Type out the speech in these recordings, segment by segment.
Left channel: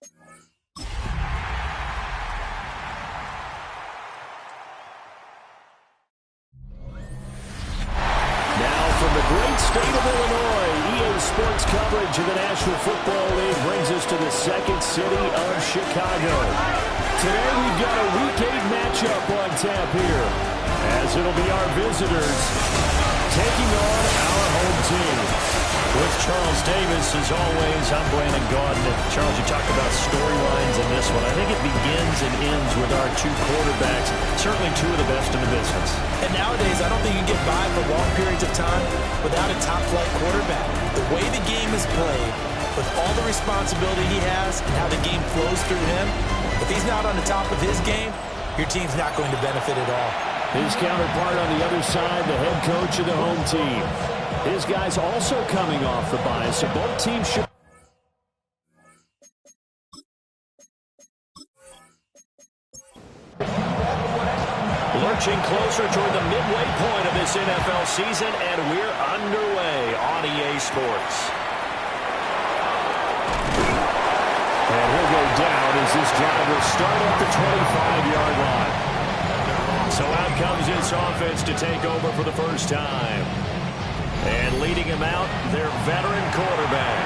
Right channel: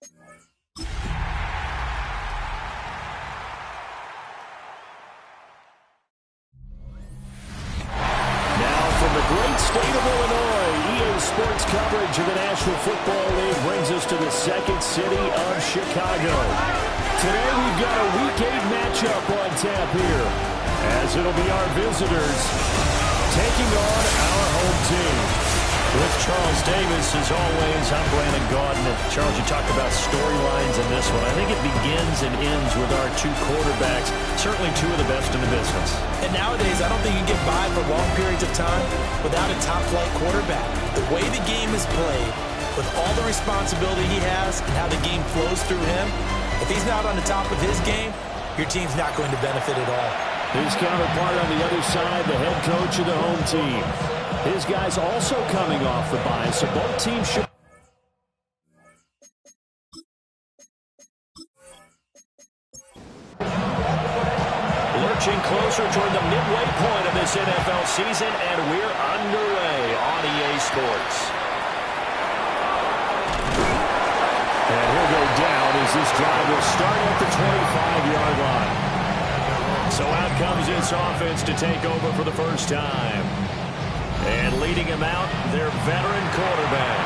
From the great state of Illinois, EA Sports coverage of the National Football League brings us to the second city of Chicago. Today we've got a Week 8 matchup on tap here, as it'll be our visitors taking on our home team. With Charles Davis, as always, I'm Brandon Gaudin. Charles, you talked about storylines in this one. I think it begins and ends with our two quarterbacks, certainly two of the best in the business. And nowadays, I don't think you can get by for long periods of time without a top-flight quarterback. The way the game is played, with all the responsibility he has and how the game flows through him, if he's not on the top of his game, your team's not going to benefit at all. His counterpart on the other side, the head coach of the home team. His guys also coming off the bye, so both teams should... Lurching closer toward the midway point of this NFL season, and we're underway on EA Sports. And he'll go down as this drive will start at the 25-yard line. So out comes this offense to take over for the first time. And leading him out, their veteran quarterback.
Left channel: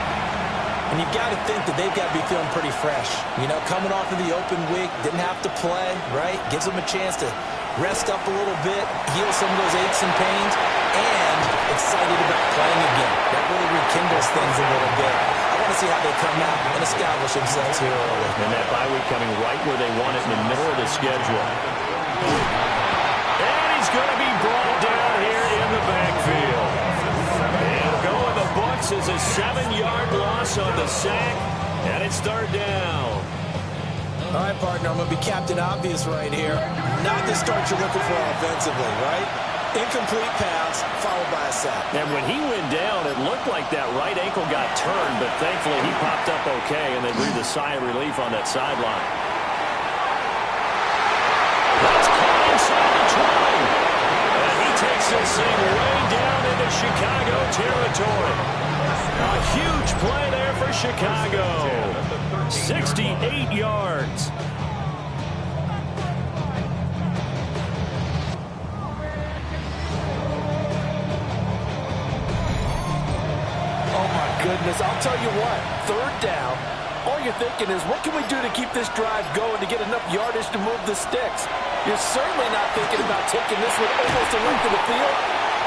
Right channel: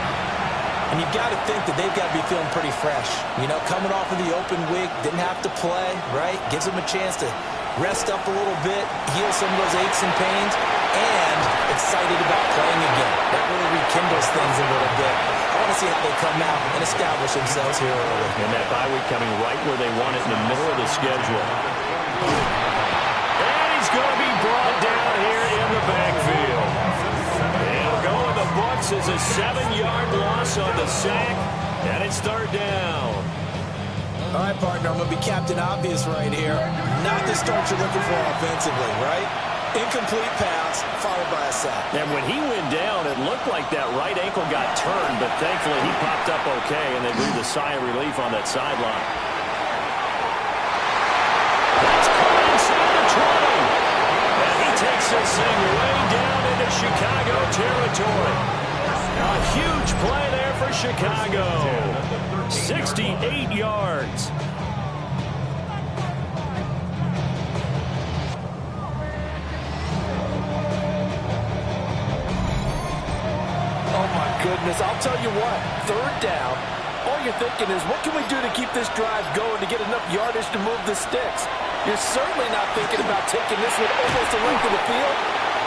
And you've got to think that they've got to be feeling pretty fresh. You know, coming off of the open week, didn't have to play, right? Gives them a chance to rest up a little bit, heal some of those aches and pains, and excited about playing again. That really rekindles things a little bit. I want to see how they come out and establish themselves here early. And that bye week coming right where they want it, in the middle of the schedule. And he's going to be brought down here in the backfield. He'll go in the books as a 7-yard loss on the sack, and it's third down. All right, partner, I'm going to be Captain Obvious right here. Not the start you're looking for offensively, right? Incomplete pass, followed by a sack. And when he went down, it looked like that right ankle got turned, but thankfully he popped up okay, and they breathed a sigh of relief on that sideline. That's caught inside the 20. And he takes this thing way down into Chicago territory. A huge play there for Chicago. 68 yards. Oh, my goodness. I'll tell you what. Third down. All you're thinking is, what can we do to keep this drive going to get enough yardage to move the sticks? You're certainly not thinking about taking this one almost the length of the field,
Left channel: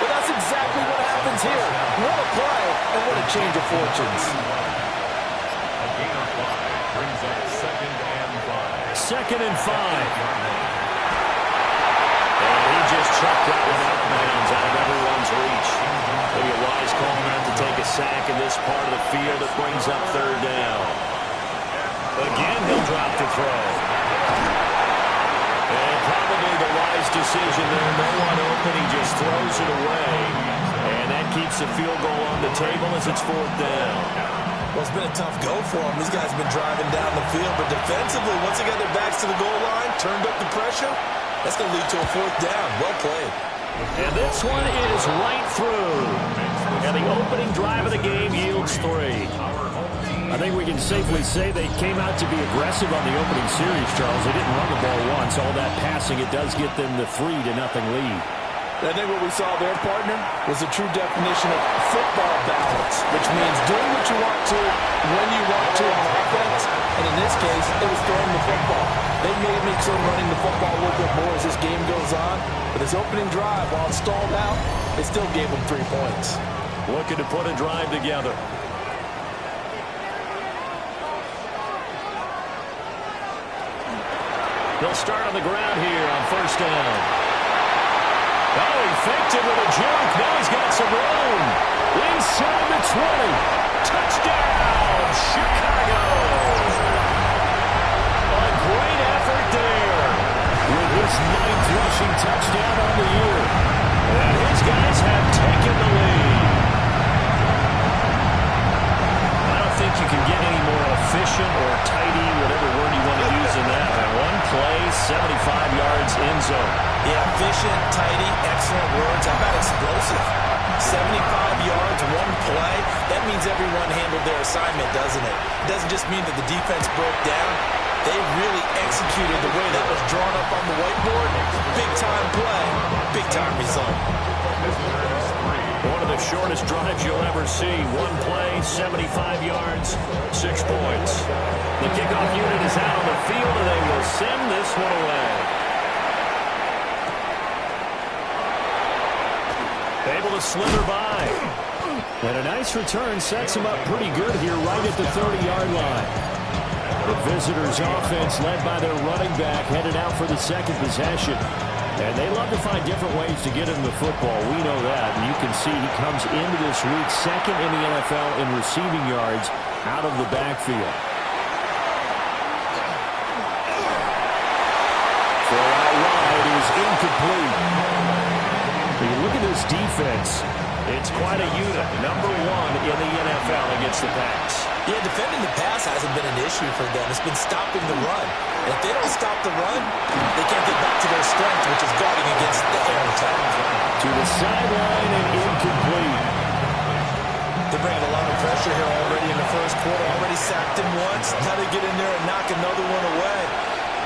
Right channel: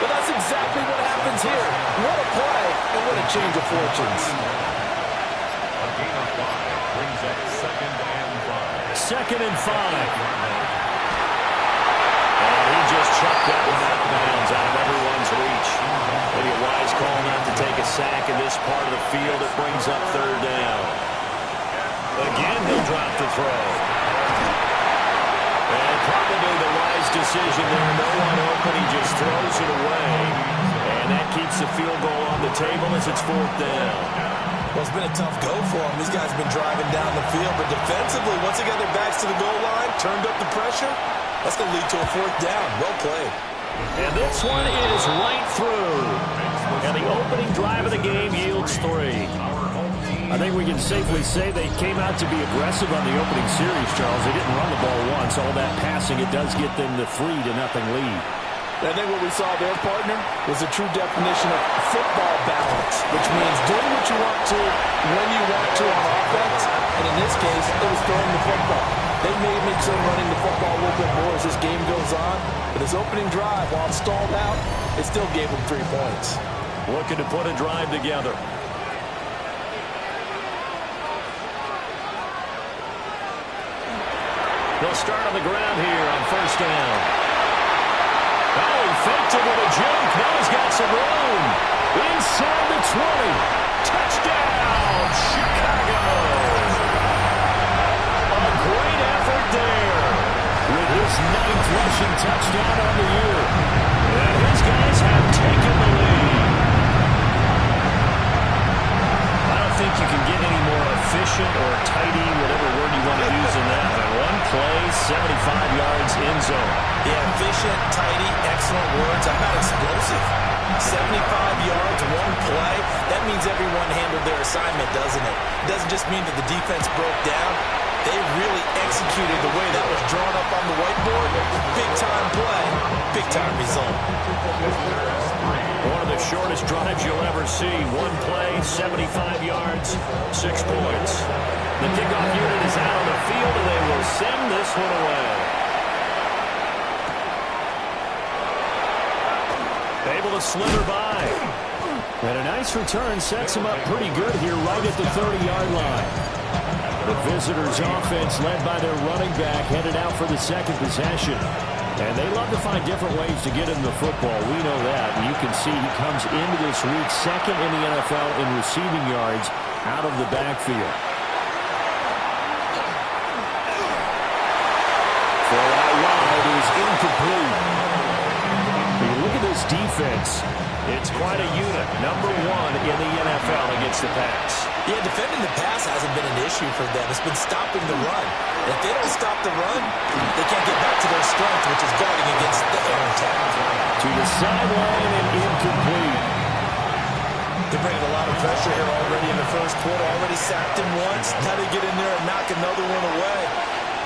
but that's exactly what happens here. What a play, and what a change of fortunes. A gain of 5 brings up 2nd and 5. 2nd and 5. And he just chucked that one out of bounds, out of everyone's reach. Maybe a wise call not to take a sack in this part of the field. It brings up third down. Again, he'll drop the throw. And probably the wise decision there. No one open. He just throws it away. And that keeps the field goal on the table as it's fourth down. Well, it's been a tough go for them. These guys have been driving down the field. But defensively, once they got their backs to the goal line, turned up the pressure, that's going to lead to a fourth down. Well played. And this one is right through. And the opening drive of the game yields 3. I think we can safely say they came out to be aggressive on the opening series, Charles. They didn't run the ball once. All that passing, it does get them the 3-0 lead. I think what we saw there, partner, was a true definition of football balance, which means doing what you want to, when you want to on offense. And in this case, it was throwing the football. They may make some running the football a little bit more as this game goes on. But this opening drive, while it stalled out, it still gave them 3 points. Looking to put a drive together. They'll start on the ground here on first down. Oh, he faked it with a juke. Now he's got some room. Inside the 20. Touchdown, Chicago. A great effort there with his 9th rushing touchdown on the year. And his guys have taken the lead. I don't think you can get any more efficient or tidy, whatever word you want to use in that. And one play, 75 yards in zone. Yeah, efficient, tidy, excellent words. How about explosive? 75 yards, one play. That means everyone handled their assignment, doesn't it? It doesn't just mean that the defense broke down. They really executed the way that was drawn up on the whiteboard. Big-time play, big-time result. One of the shortest drives you'll ever see. One play, 75 yards, 6 points. The kickoff unit is out on the field, and they will send this one away. Able to slither by. And a nice return sets him up pretty good here right at the 30-yard line. The visitors' offense, led by their running back, headed out for the second possession. And they love to find different ways to get him the football. We know that. And you can see he comes into this week second in the NFL in receiving yards out of the backfield. Throw out wide is incomplete. You look at this defense. It's quite a unit. Number 1 in the NFL against the pass. Yeah, defending the pass hasn't been an issue for them. It's been stopping the run. And if they don't stop the run, they can't get back to their strength, which is guarding against the air attack. To the sideline and incomplete. They're bringing a lot of pressure here already in the first quarter. Already sacked him once. Now they get in there and knock another one away.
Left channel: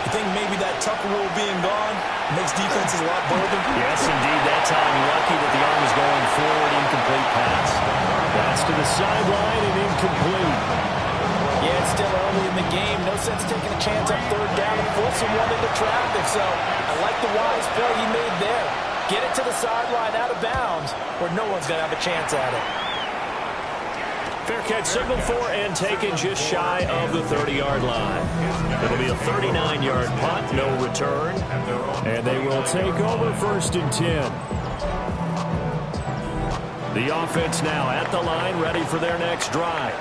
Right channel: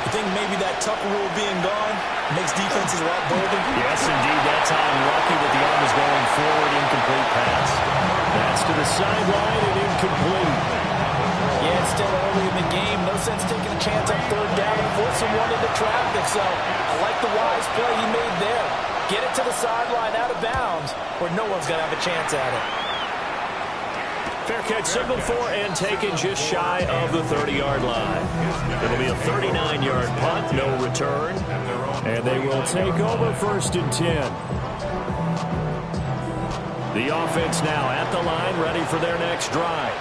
You think maybe that Tucker rule being gone makes defenses a lot bolder? Yes, indeed. That time, lucky that the arm was going forward. Incomplete pass. That's to the sideline and incomplete. Yeah, it's still early in the game. No sense taking a chance on third down and forcing one into traffic. So I like the wise play he made there. Get it to the sideline out of bounds where no one's going to have a chance at it. Fair catch signaled for and taken just shy of the 30-yard line. It'll be a 39-yard punt, no return. And they will take over 1st and 10. The offense now at the line, ready for their next drive.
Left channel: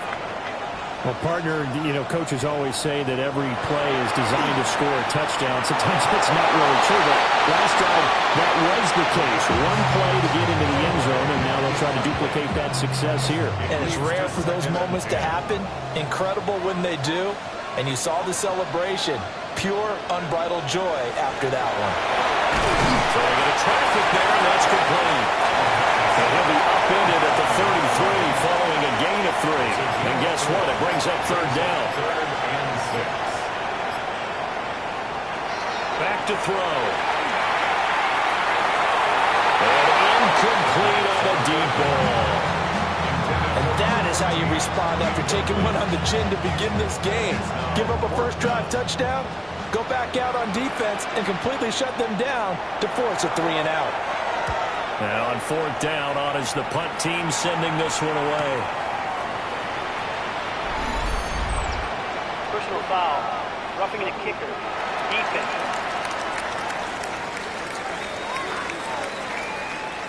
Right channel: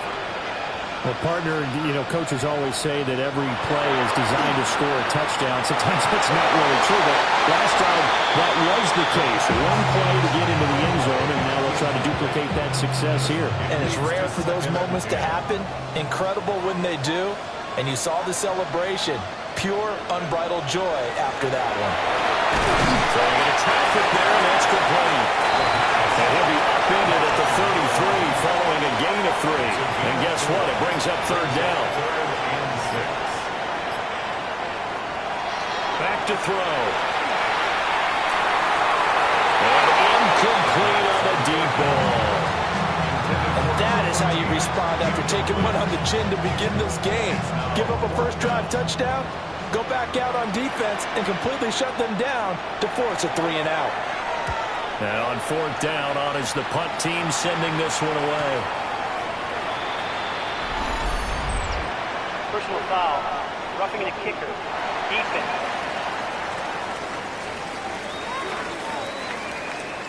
Well, partner, coaches always say that every play is designed to score a touchdown. Sometimes that's not really true, but last drive, that was the case. One play to get into the end zone, and now they'll try to duplicate that success here. And it's rare for those moments to happen. Incredible when they do. And you saw the celebration. Pure, unbridled joy after that one. Throwing into traffic there, and that's complete. And he'll be upended at the 33 following a gain of 3. And guess what? It brings up 3rd down. 3rd and 6. Back to throw. And incomplete on a deep ball. And that is how you respond after taking one on the chin to begin this game. Give up a first drive touchdown, go back out on defense, and completely shut them down to force a 3-and-out. And on 4th down, on is the punt team sending this one away. Personal foul, roughing the kicker, defense.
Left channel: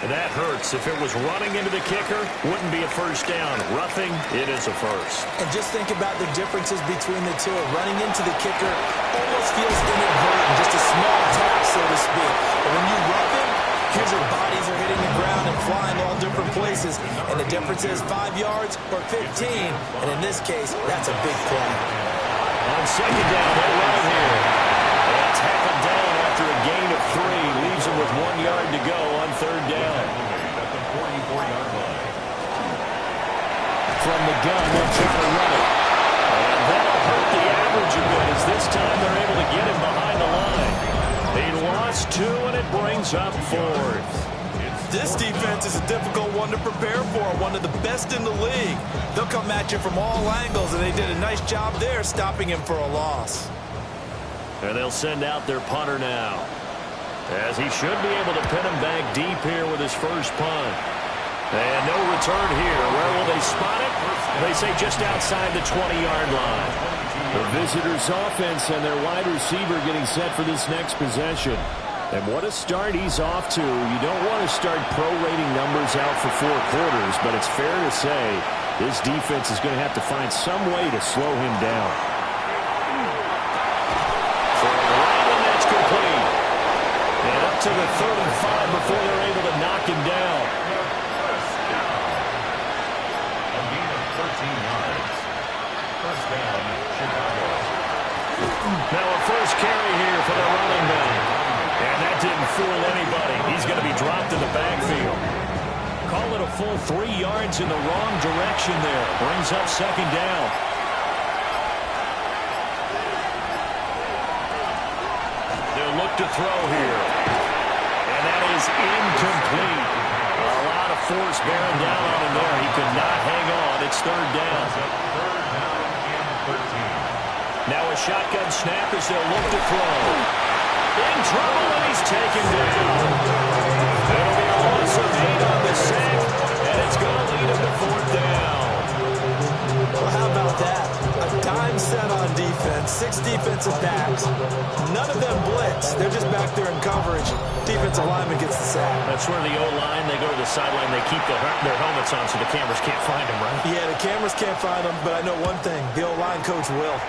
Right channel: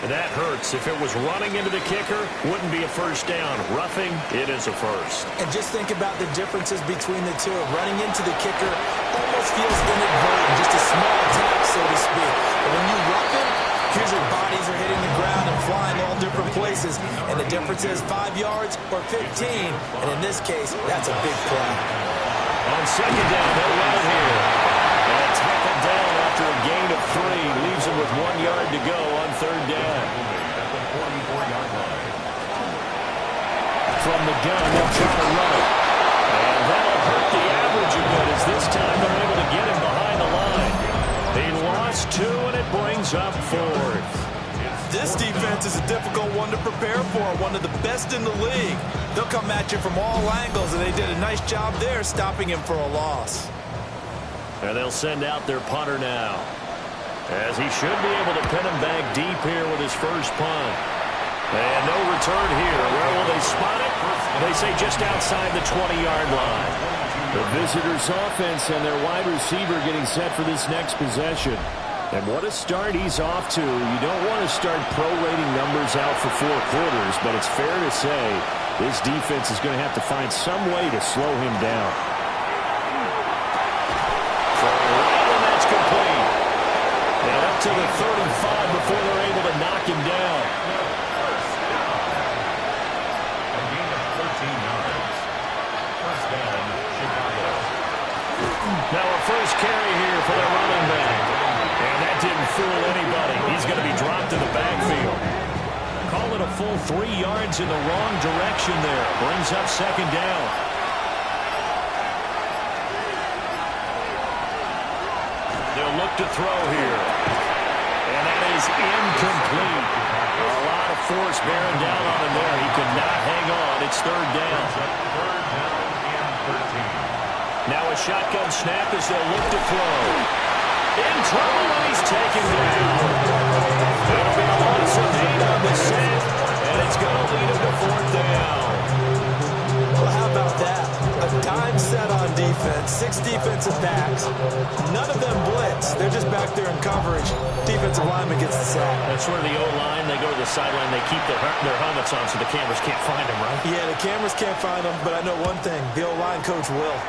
And that hurts. If it was running into the kicker, wouldn't be a first down. Roughing, it is a first. And just think about the differences between the two. Running into the kicker almost feels inadvertent, just a small tap, so to speak. But when you rough him, here's your bodies are hitting the ground and flying all different places. And the difference is 5 yards or 15. And in this case, that's a big play. On 2nd down, they'll run it here. And tackled down after a gain of 3. Leaves them with 1 yard to go on 3rd down. At the 44-yard line. From the gun, they'll try to run it. And that'll hurt the average a bit as this time they're able to get him behind the line. He lost 2, and it brings up 4th. This defense is a difficult one to prepare for, one of the best in the league. They'll come at you from all angles, and they did a nice job there stopping him for a loss. And they'll send out their punter now, as he should be able to pin him back deep here with his first punt. And no return here. Where will they spot it? They say just outside the 20-yard line. The visitors' offense and their wide receiver getting set for this next possession. And what a start he's off to. You don't want to start prorating numbers out for 4 quarters, but it's fair to say this defense is going to have to find some way to slow him down. Throwing right, and that's complete. And up to the 35 before they're able to knock him down. A gain of 13 yards. First down, Chicago. Now a first carry here for the running back. And that didn't fool anybody. He's going to be dropped to the backfield. Call it a full 3 yards in the wrong direction there. Brings up second down. They'll look to throw here. And that is incomplete. A lot of force bearing down on him there. He could not hang on. It's third down. Third down and 13. Now a shotgun snap as they'll look to throw. In trouble, and he's taken down. It'll be a loss of 8 on the sack, and it's going to lead him to fourth down. Well, how about that? A dime set on defense, 6 defensive backs. None of them blitz. They're just back there in coverage. Defensive lineman gets the sack. That's where the O-line, they go to the sideline, they keep their helmets on so the cameras can't find them, right? Yeah, the cameras can't find them, but I know one thing. The O-line coach will.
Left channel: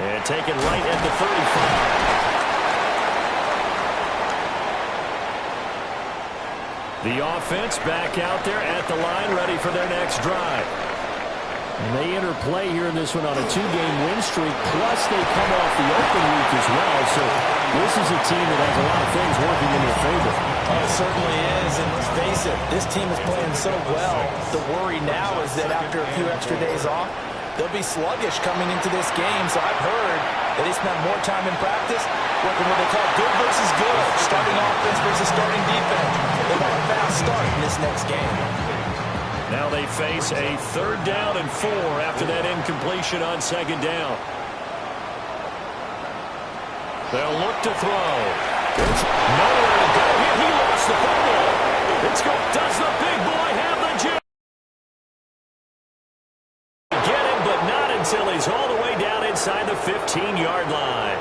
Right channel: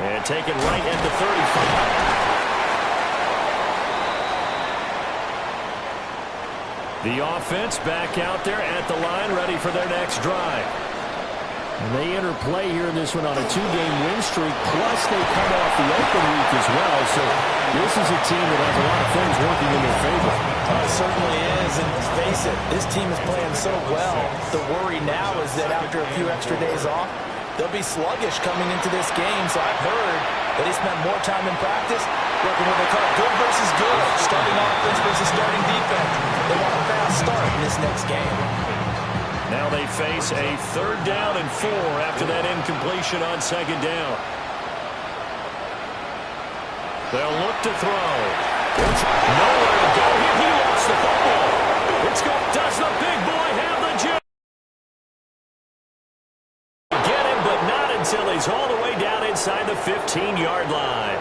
And taken right at the 35. The offense back out there at the line, ready for their next drive. And they interplay here in this one on a 2-game win streak, plus they come off the open week as well. So this is a team that has a lot of things working in their favor. It certainly is, and let's face it, this team is playing so well. The worry now is that after a few extra days off, they'll be sluggish coming into this game. So I've heard that they spent more time in practice working what they call good versus good, starting offense versus starting defense. They want a fast start in this next game. Now they face a third down and 4 after that incompletion on second down. They'll look to throw. It's nowhere to go here. He lost the football. Does the big boy have the jump? Get him, but not until he's all the way down inside the 15-yard line.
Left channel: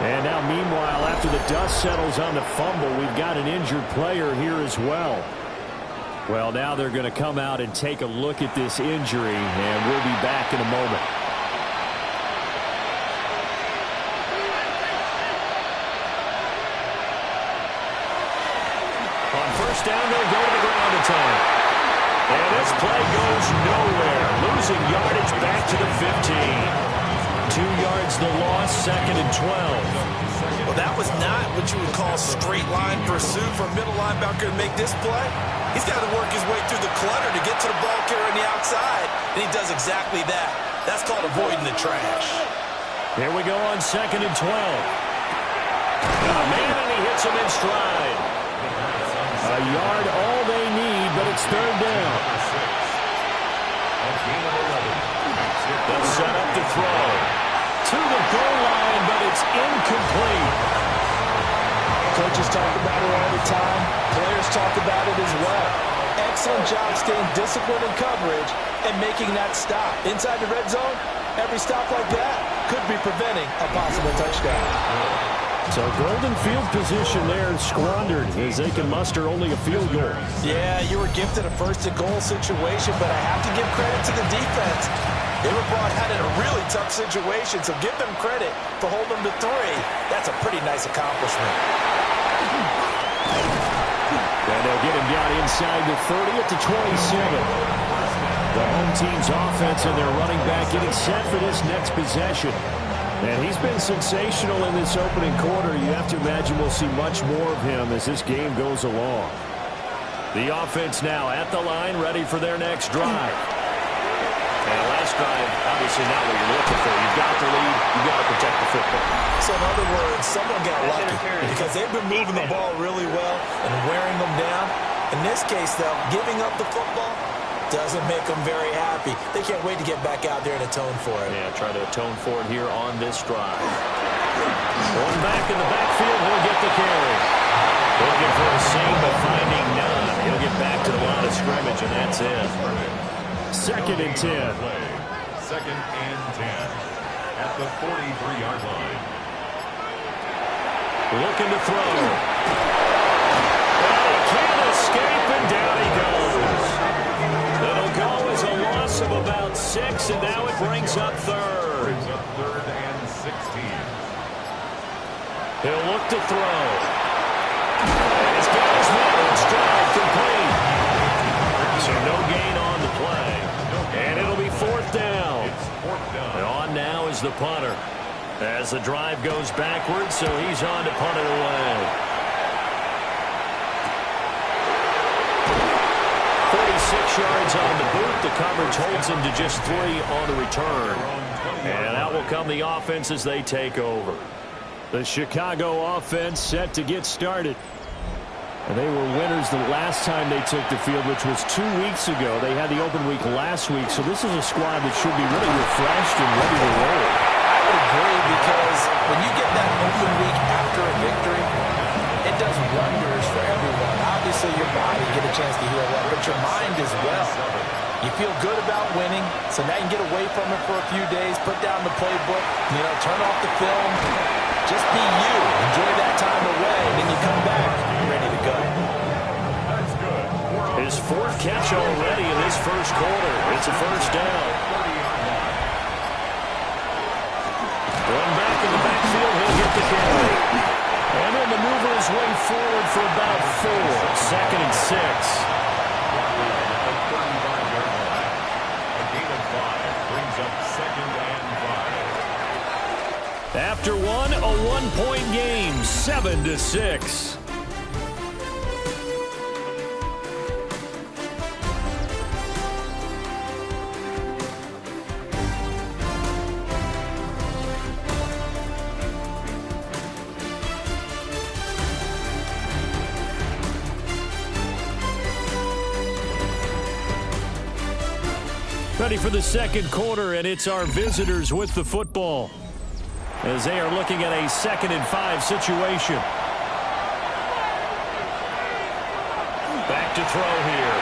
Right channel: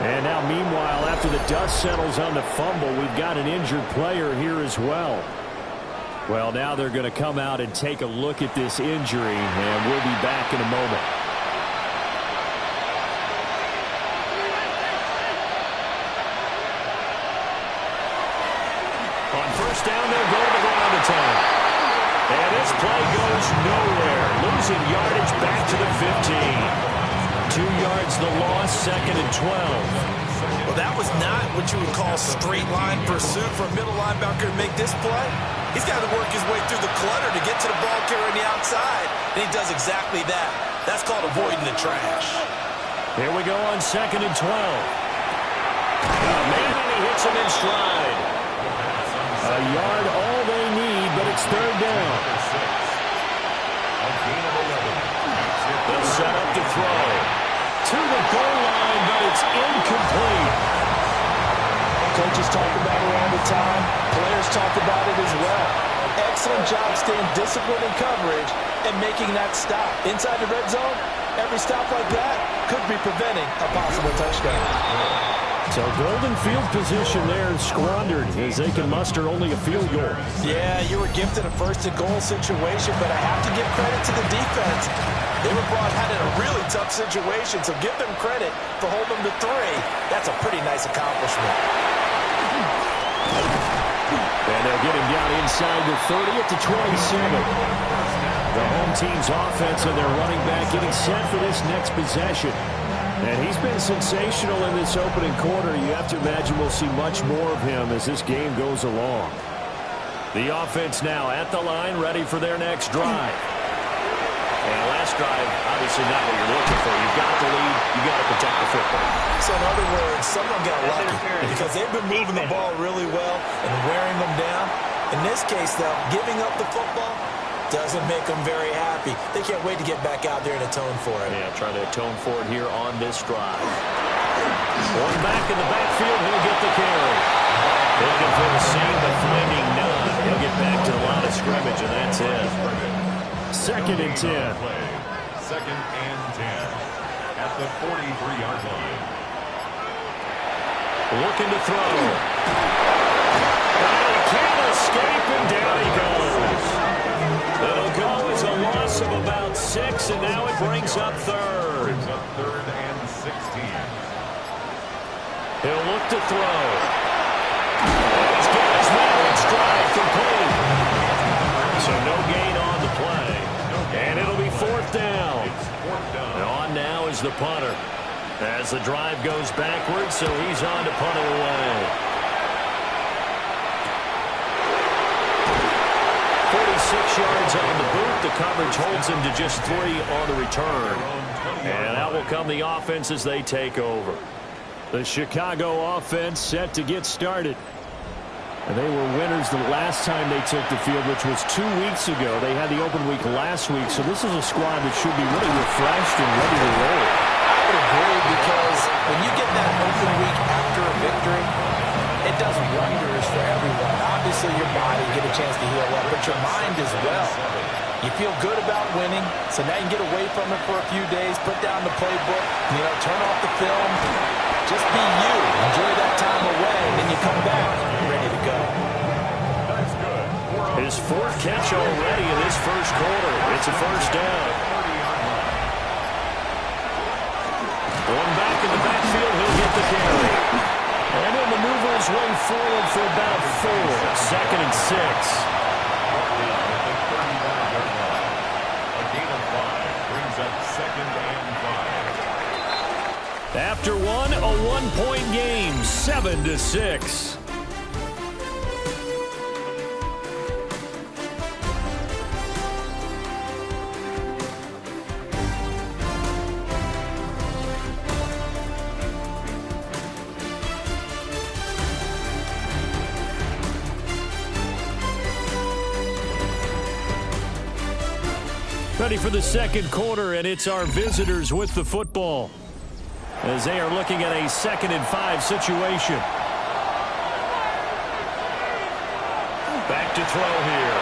And now, meanwhile, after the dust settles on the fumble, we've got an injured player here as well. Well, now they're going to come out and take a look at this injury, and we'll be back in a moment. On first down, they'll go to the ground attack. And this play goes nowhere. Losing yardage back to the 15. 2 yards the loss, second and 12. Well, that was not what you would call straight line pursuit for a middle linebacker to make this play. He's got to work his way through the clutter to get to the ball carrier on the outside, and he does exactly that. That's called avoiding the trash. Here we go on second and 12. Man, and he hits him in stride. A yard all they need, but it's third down. They'll set up to throw. To the goal line, but it's incomplete. Coaches talk about it all the time. Players talk about it as well. Excellent job staying disciplined in coverage and making that stop. Inside the red zone, every stop like that could be preventing a possible touchdown. So golden field position there squandered as they can muster only a field goal. Yeah, you were gifted a first-and-goal situation, but I have to give credit to the defense. They were brought out in a really tough situation, so give them credit for holding them to 3. That's a pretty nice accomplishment. And they'll get him down inside the 30 at the 27. The home team's offense and their running back getting set for this next possession. And he's been sensational in this opening quarter. You have to imagine we'll see much more of him as this game goes along. The offense now at the line, ready for their next drive. And last drive, obviously not what you're looking for. You've got the lead. You've got to protect the football. So in other words, someone got lucky because they've been moving the ball really well and wearing them down. In this case, though, giving up the football doesn't make them very happy. They can't wait to get back out there and atone for it. Yeah, try to atone for it here on this drive. One back in the backfield, he'll get the carry. Looking for a seam, but finding none. He'll get back to the line of scrimmage, and that's it. Second and 10. Second and 10 at the 43-yard line. Looking to throw. And he can't escape, and down he goes. It'll go as a loss of about 6, and now it brings up third. Brings up third and 16. He'll look to throw. And he's got his man in stride, complete. So no gain on the play. And it'll be fourth down. And on now is the punter. As the drive goes backwards, so he's on to punt it away. 6 yards on the boot. The coverage holds him to just 3 on the return. And out will come the offense as they take over. The Chicago offense set to get started. And they were winners the last time they took the field, which was 2 weeks ago. They had the open week last week, so this is a squad that should be really refreshed and ready to roll. I would agree, because when you get that open week after a victory, it does wonders for everyone. Obviously, your body get a chance to heal up, but your mind as well. You feel good about winning, so now you can get away from it for a few days, put down the playbook, turn off the film, just be you. Enjoy that time away, and then you come back ready to go. That's good. His 4th catch already in this first quarter. It's a first down. 30-yard line. One back in the backfield, he'll get the carry. And he'll maneuver his way forward for about 4. 2nd and 6. At the 35-yard line. A gain of 5 brings up 2nd and 5. After one, a 1-point game, 7-6. Ready for the second quarter, and it's our visitors with the football as they are looking at a 2nd and 5 situation. Back to throw here.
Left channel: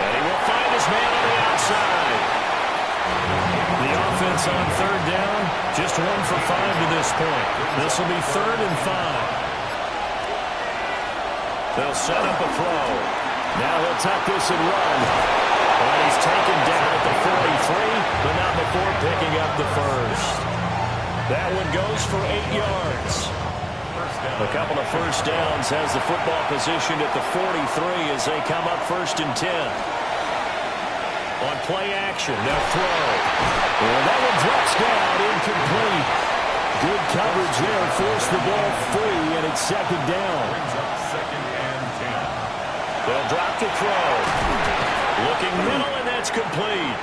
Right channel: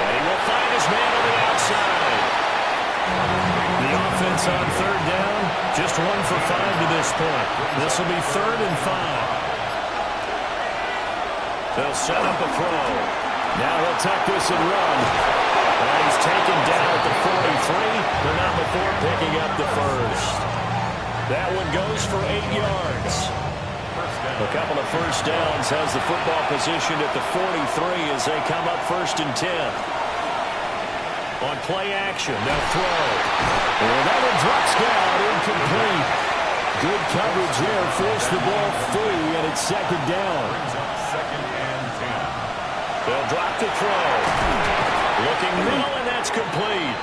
And he will find his man on the outside. The offense on 3rd down, just 1 for 5 to this point. This will be 3rd and 5. They'll set up a throw. Now he'll tuck this and run. And he's taken down at the 43, but not before picking up the first. That one goes for 8 yards. A couple of first downs has the football positioned at the 43 as they come up 1st and 10. On play action, they'll throw. And that one drops down, incomplete. Good coverage there, forced the ball free, and it's 2nd down. Brings up 2nd and 10. They'll drop the throw. Looking middle, and that's complete.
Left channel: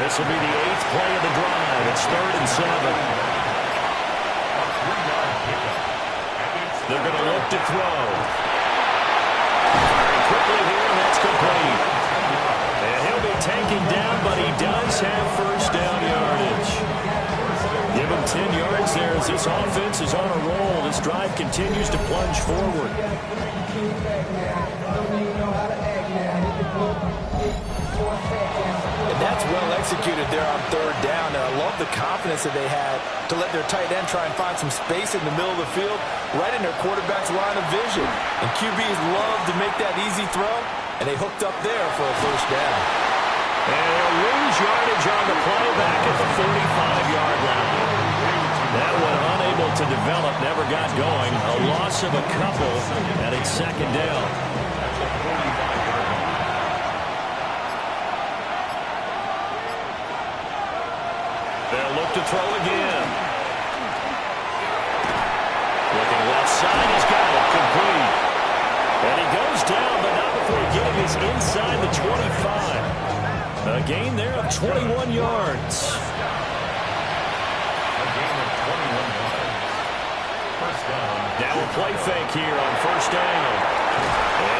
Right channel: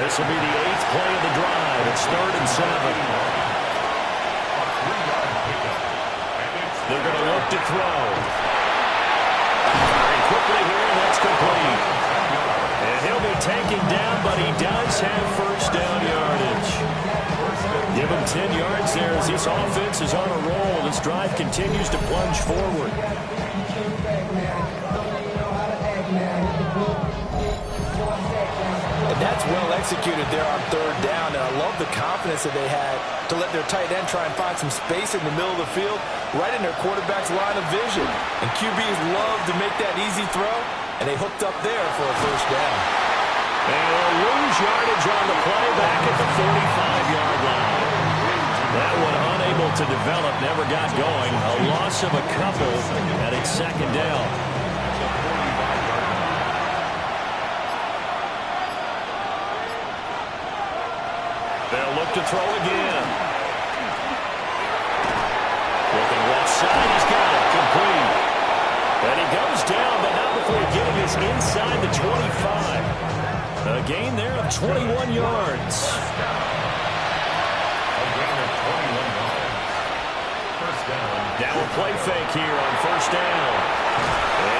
This will be the 8th play of the drive. It's 3rd and 7. A 3-yard pickup. And it's They're going to look to throw. Firing quickly here, and that's complete. And he'll be taken down, but he does have first down yardage. Give him 10 yards there as this offense is on a roll. This drive continues to plunge forward. And that's well executed there on 3rd down. And I love the confidence that they had to let their tight end try and find some space in the middle of the field, right in their quarterback's line of vision. And QBs love to make that easy throw, and they hooked up there for a first down. And he'll lose yardage on the play back at the 45-yard line. That one unable to develop, never got going. A loss of a couple, and it's 2nd down. at the 45-yard line. They'll look to throw again. Looking left side, he's got it, complete. And he goes down, but not before getting us inside the 25. A gain there of 21 yards. A gain of 21 yards. First down. Now a play fake here on first down.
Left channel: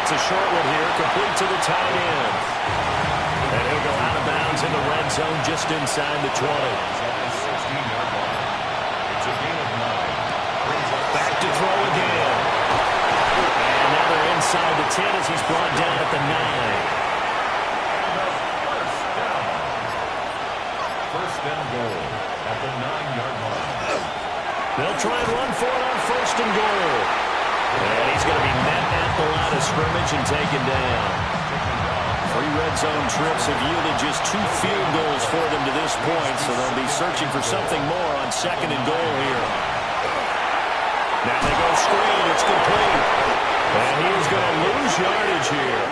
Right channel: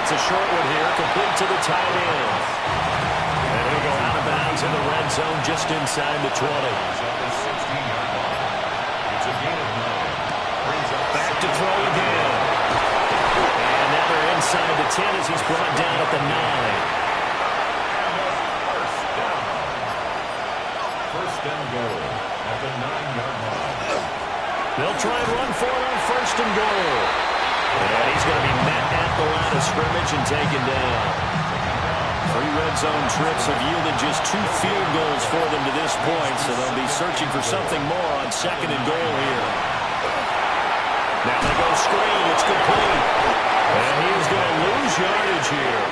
It's a short one here, complete to the tight end. And he'll go out of bounds in the red zone just inside the 20. At the 16-yard line. It's a gain of 9. Brings up Back to throw again. And now they're inside the 10 as he's brought down at the 9. And a first down. First and goal at the 9-yard line. They'll try and run for it on first and goal. And he's going to be met at the line of scrimmage and taken down. 3 red zone trips have yielded just 2 field goals for them to this point, so they'll be searching for something more on second and goal here. Now they go screen. It's complete. And he is going to lose yardage here.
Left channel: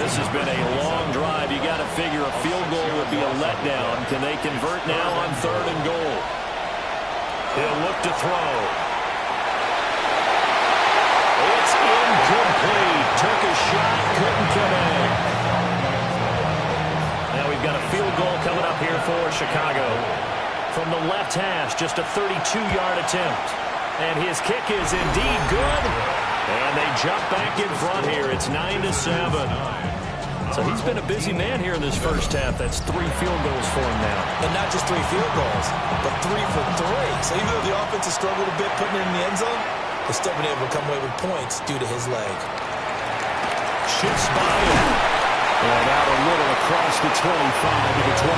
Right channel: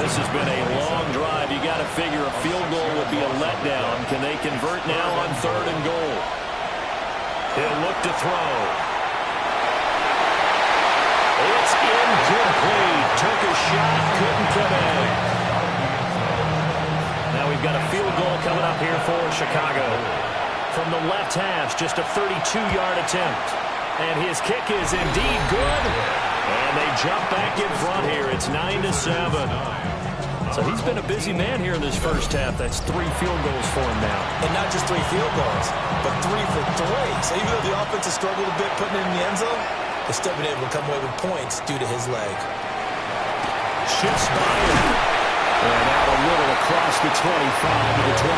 This has been a long drive. You got to figure a field goal would be a letdown. Can they convert now on third and goal? He'll look to throw. It's incomplete. Took a shot couldn't connect. Now we've got a field goal coming up here for Chicago. From the left hash, just a 32-yard attempt. And his kick is indeed good. And they jump back in front here. It's 9-7. So he's been a busy man here in this first half. That's 3 field goals for him now. And not just 3 field goals, but 3 for 3. So even though the offense has struggled a bit putting it in the end zone, they've still been able to come away with points due to his leg. Shifts by him. And out a little across the 25 to the 27.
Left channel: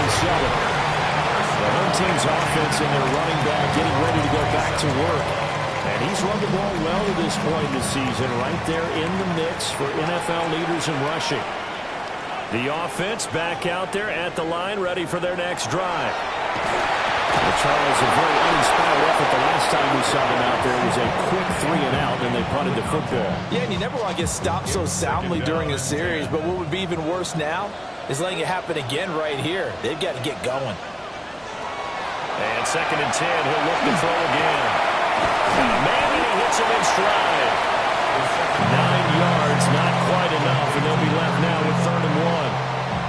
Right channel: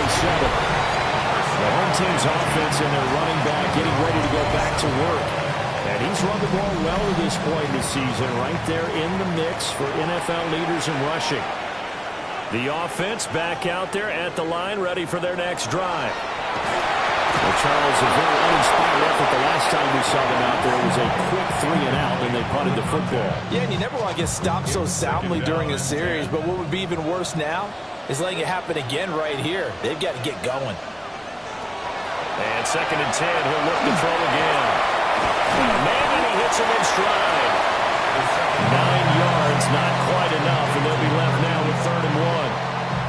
The home team's offense and their running back getting ready to go back to work. And he's run the ball well to this point in the season, right there in the mix for NFL leaders in rushing. The offense back out there at the line, ready for their next drive. Well, Charles, a very uninspired effort the last time we saw them out there. It was a quick 3-and-out, and they punted the football. Yeah, and you never want to get stopped so soundly during a series, but what would be even worse now is letting it happen again right here. They've got to get going. And 2nd and 10, he'll look to throw again. Got a man, and he hits him in stride. 9 yards, not quite enough, and they'll be left now with 3rd and 1.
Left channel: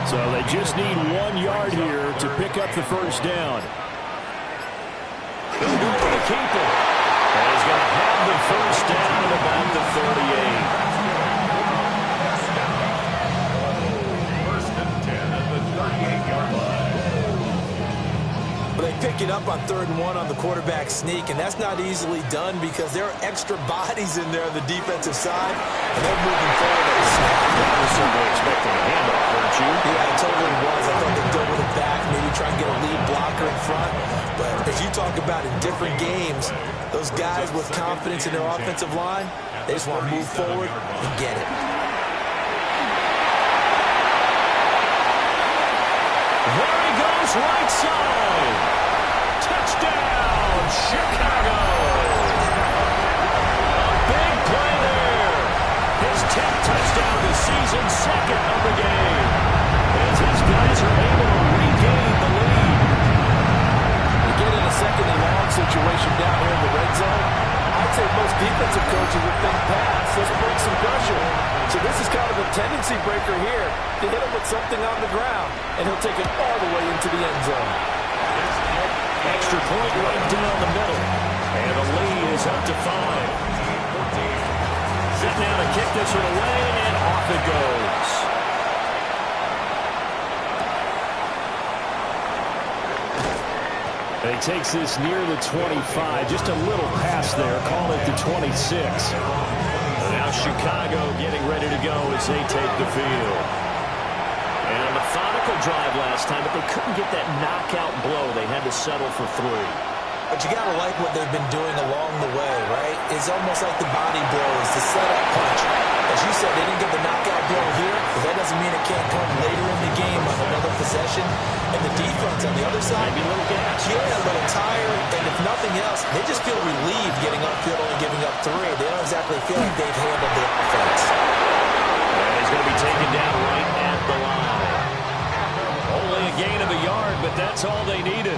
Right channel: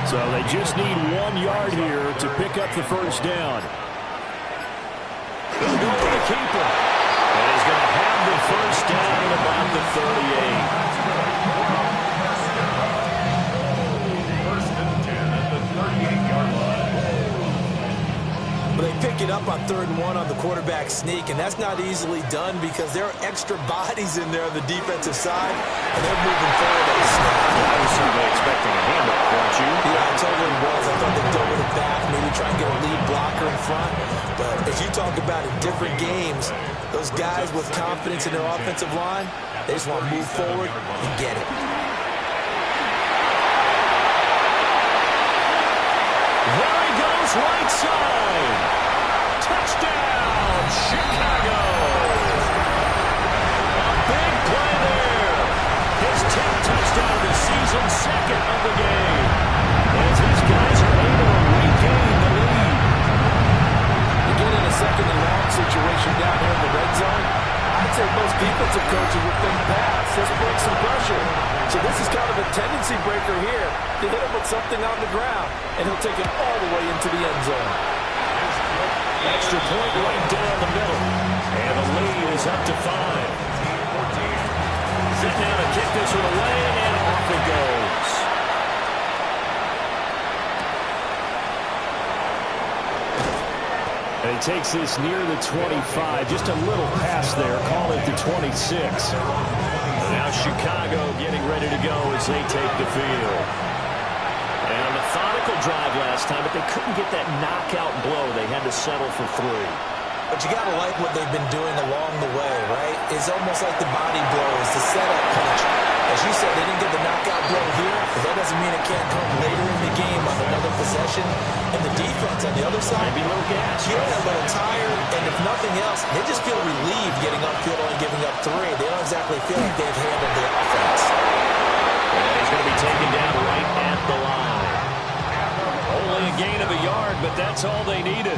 So they just need 1 yard here to pick up the first down. He'll go with the keeper. And he's going to have the first down at about the 38. First and 10 at the 38-yard line. But they pick it up on 3rd and 1 on the quarterback sneak, and that's not easily done because there are extra bodies in there on the defensive side, and they're moving forward at the snap. I was certainly expecting a handoff, weren't you? Yeah, I totally was. I thought they'd go with it back, maybe try and get a lead blocker in front. But as you talk about in different games, those guys with confidence in their offensive line, they just want to move forward and get it. There he goes, right side. Touchdown, Chicago. A big play there. His 10th touchdown of the season, 2nd of the game. As his guys are able to regain the lead. You get in a 2nd and long situation down here in the red zone, I'd say most defensive coaches would think pass. Let's break some pressure. So this is kind of a tendency breaker here to hit him with something on the ground, and he'll take it all the way into the end zone. Extra point right down the middle. And the lead is up to 5. Set now to kick this one away, and off it goes. And he takes this near the 25. Just a little pass there. Call it the 26. And now Chicago getting ready to go as they take the field. And a methodical drive last time, but they couldn't get that knockout blow. They had to settle for 3. But you got to like what they've been doing along the way, right? It's almost like the body blows, the setup punch. As you said, they didn't get the knockout blow here, but that doesn't mean it can't come later in the game on another possession. And the defense on the other side, maybe a little gas. Yeah, a little tired, and if nothing else, they just feel relieved getting upfield, only giving up 3. They don't exactly feel like they've handled the offense. And he's going to be taken down right at the line. Only a gain of a yard, but that's all they needed.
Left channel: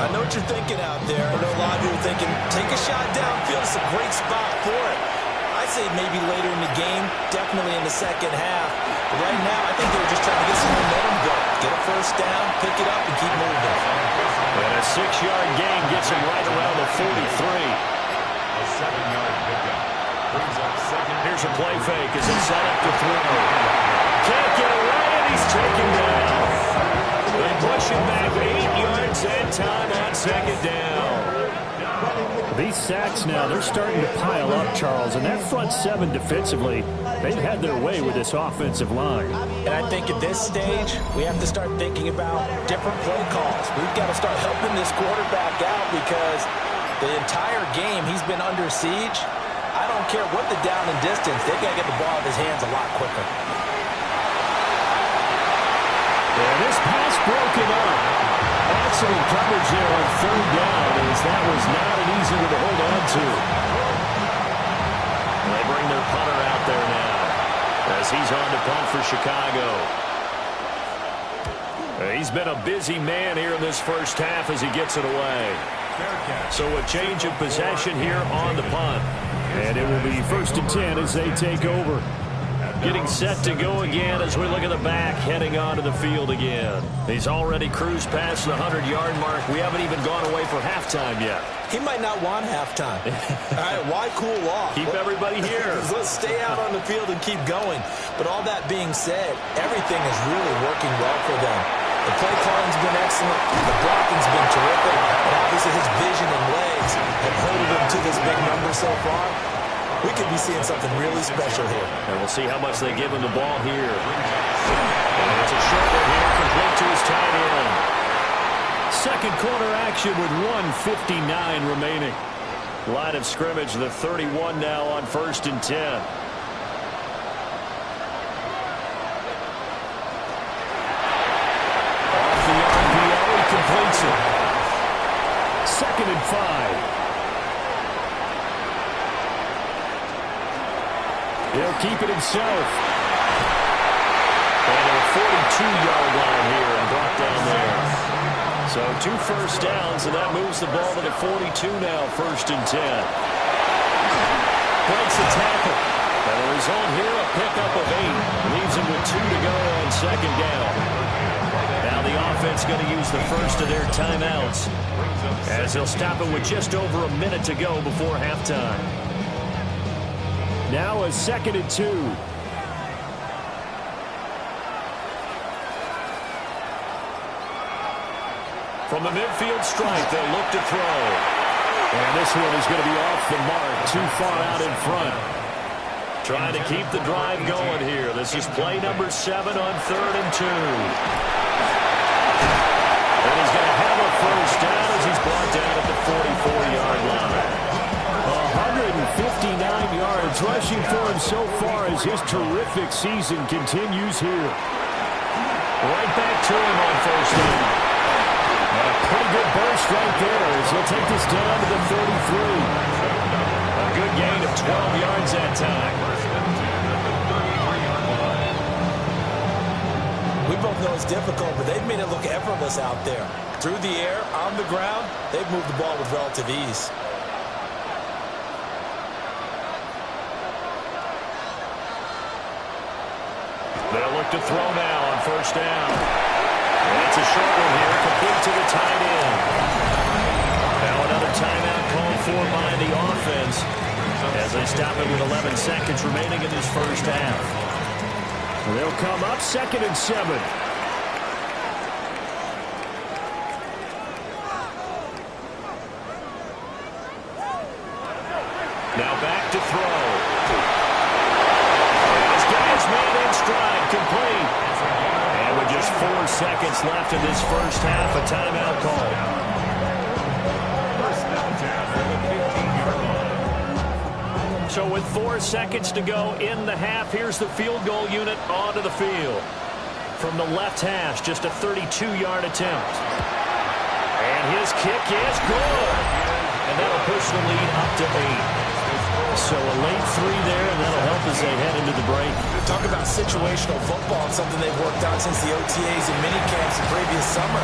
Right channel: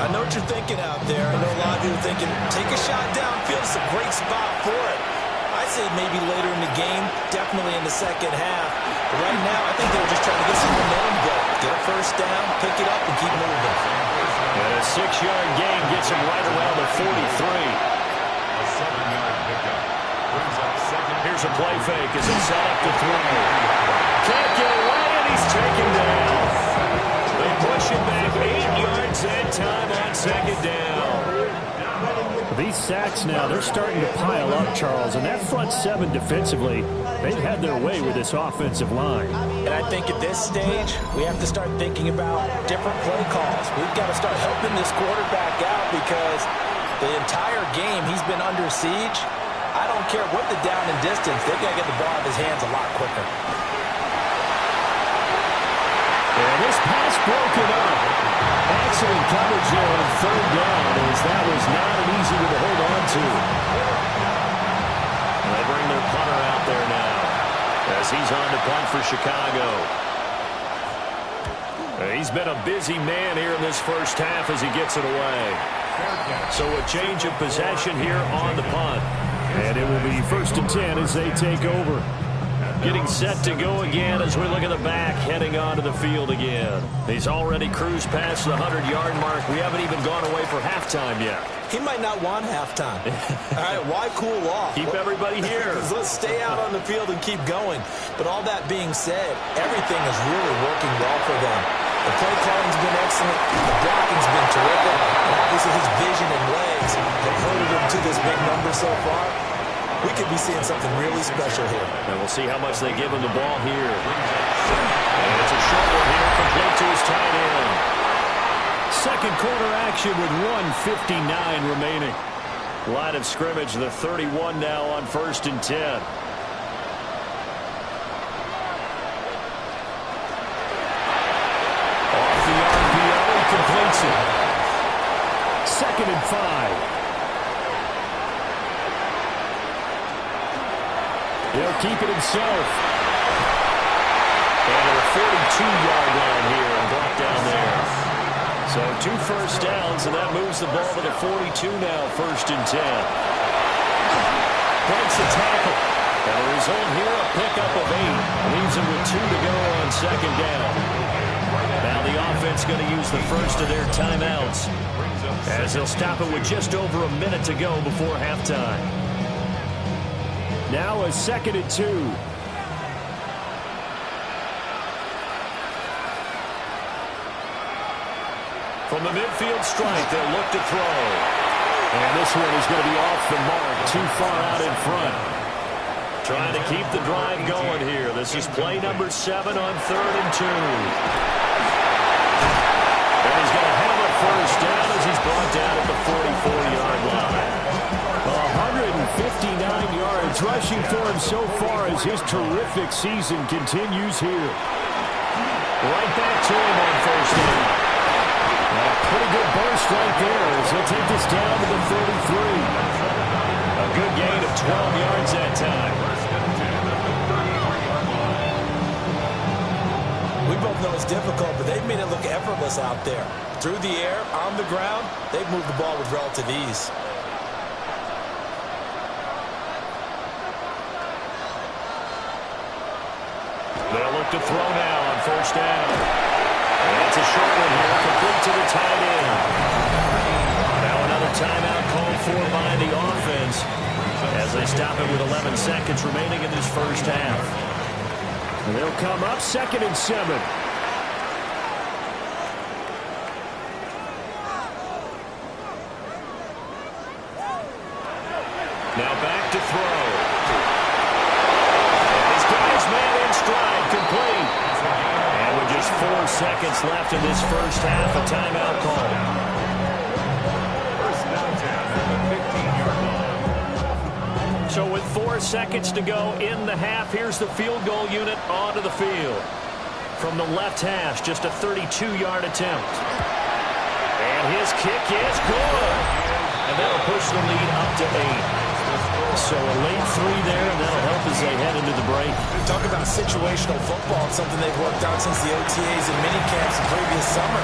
I know what you're thinking out there. I know a lot of you are thinking, take a shot downfield. It's a great spot for it. I say maybe later in the game, definitely in the second half. But right now, I think they were just trying to get some momentum going. Get a first down, pick it up, and keep moving. And a 6-yard gain gets him right around the 43. A 7-yard pickup brings up 2nd. Here's a play fake as it's set up to throw. Can't get away, and he's taken down. They push him back 8 yards and time on 2nd down. These sacks now, they're starting to pile up, Charles, and that front 7 defensively, they've had their way with this offensive line. And I think at this stage, we have to start thinking about different play calls. We've got to start helping this quarterback out because the entire game he's been under siege. I don't care what the down and distance, they've got to get the ball out of his hands a lot quicker. And this pass broken up. Excellent coverage there on 3rd down as that was not an easy one to hold on to. And they bring their punter out there now as he's on to punt for Chicago. He's been a busy man here in this first half as he gets it away. So a change of possession here on the punt. And it will be 1st and 10 as they take over. Getting set to go again as we look at the back, heading onto the field again. He's already cruised past the 100-yard mark. We haven't even gone away for halftime yet. He might not want halftime. All right, why cool off? Keep everybody here. Let's stay out on the field and keep going. But all that being said, everything is really working well for them. The play calling's been excellent. The blocking's been terrific. And obviously his vision and legs have herded him to this big number so far. We could be seeing something really special here. And we'll see how much they give him the ball here. And it's a short one here, complete to his tight end. Second quarter action with 1:59 remaining. Line of scrimmage, the 31 now on 1st and 10. Off the RPO, he completes it. 2nd and 5. He'll keep it himself. And at a 42-yard line here and brought down there. So 2 first downs, and that moves the ball to the 42 now, 1st and 10. Breaks the tackle. And the result here, a pickup of 8. Leaves him with 2 to go on 2nd down. Now the offense going to use the first of their timeouts, as they'll stop it with just over a minute to go before halftime. Now a 2nd and 2. From the midfield stripe, they'll look to throw. And this one is going to be off the mark, too far out in front. Trying to keep the drive going here. This is play number 7 on 3rd and 2. And he's going to have a first down as he's brought down at the 44-yard line. 159 yards rushing for him so far as his terrific season continues here. Right back to him on 1st down. And a pretty good burst right there as he'll take this down to the 33. A good gain of 12 yards that time. We both know it's difficult, but they've made it look effortless out there. Through the air, on the ground, they've moved the ball with relative ease. They'll look to throw now on 1st down. And it's a short one here, complete to the tight end. Now another timeout called for by the offense as they stop it with 11 seconds remaining in this first half. And they'll come up 2nd and 7. Now back to throw. And this guy's man in stride, complete. And with just 4 seconds left in this first half, a timeout call. 1st and 10 at the 15-yard line. So with 4 seconds to go in the half, here's the field goal unit onto the field. From the left hash, just a 32-yard attempt. And his kick is good. And that'll push the lead up to 8. So a late 3 there, and that'll help as they head into the break. Talk about situational football, and something they've worked on since the OTAs and minicamps the previous summer.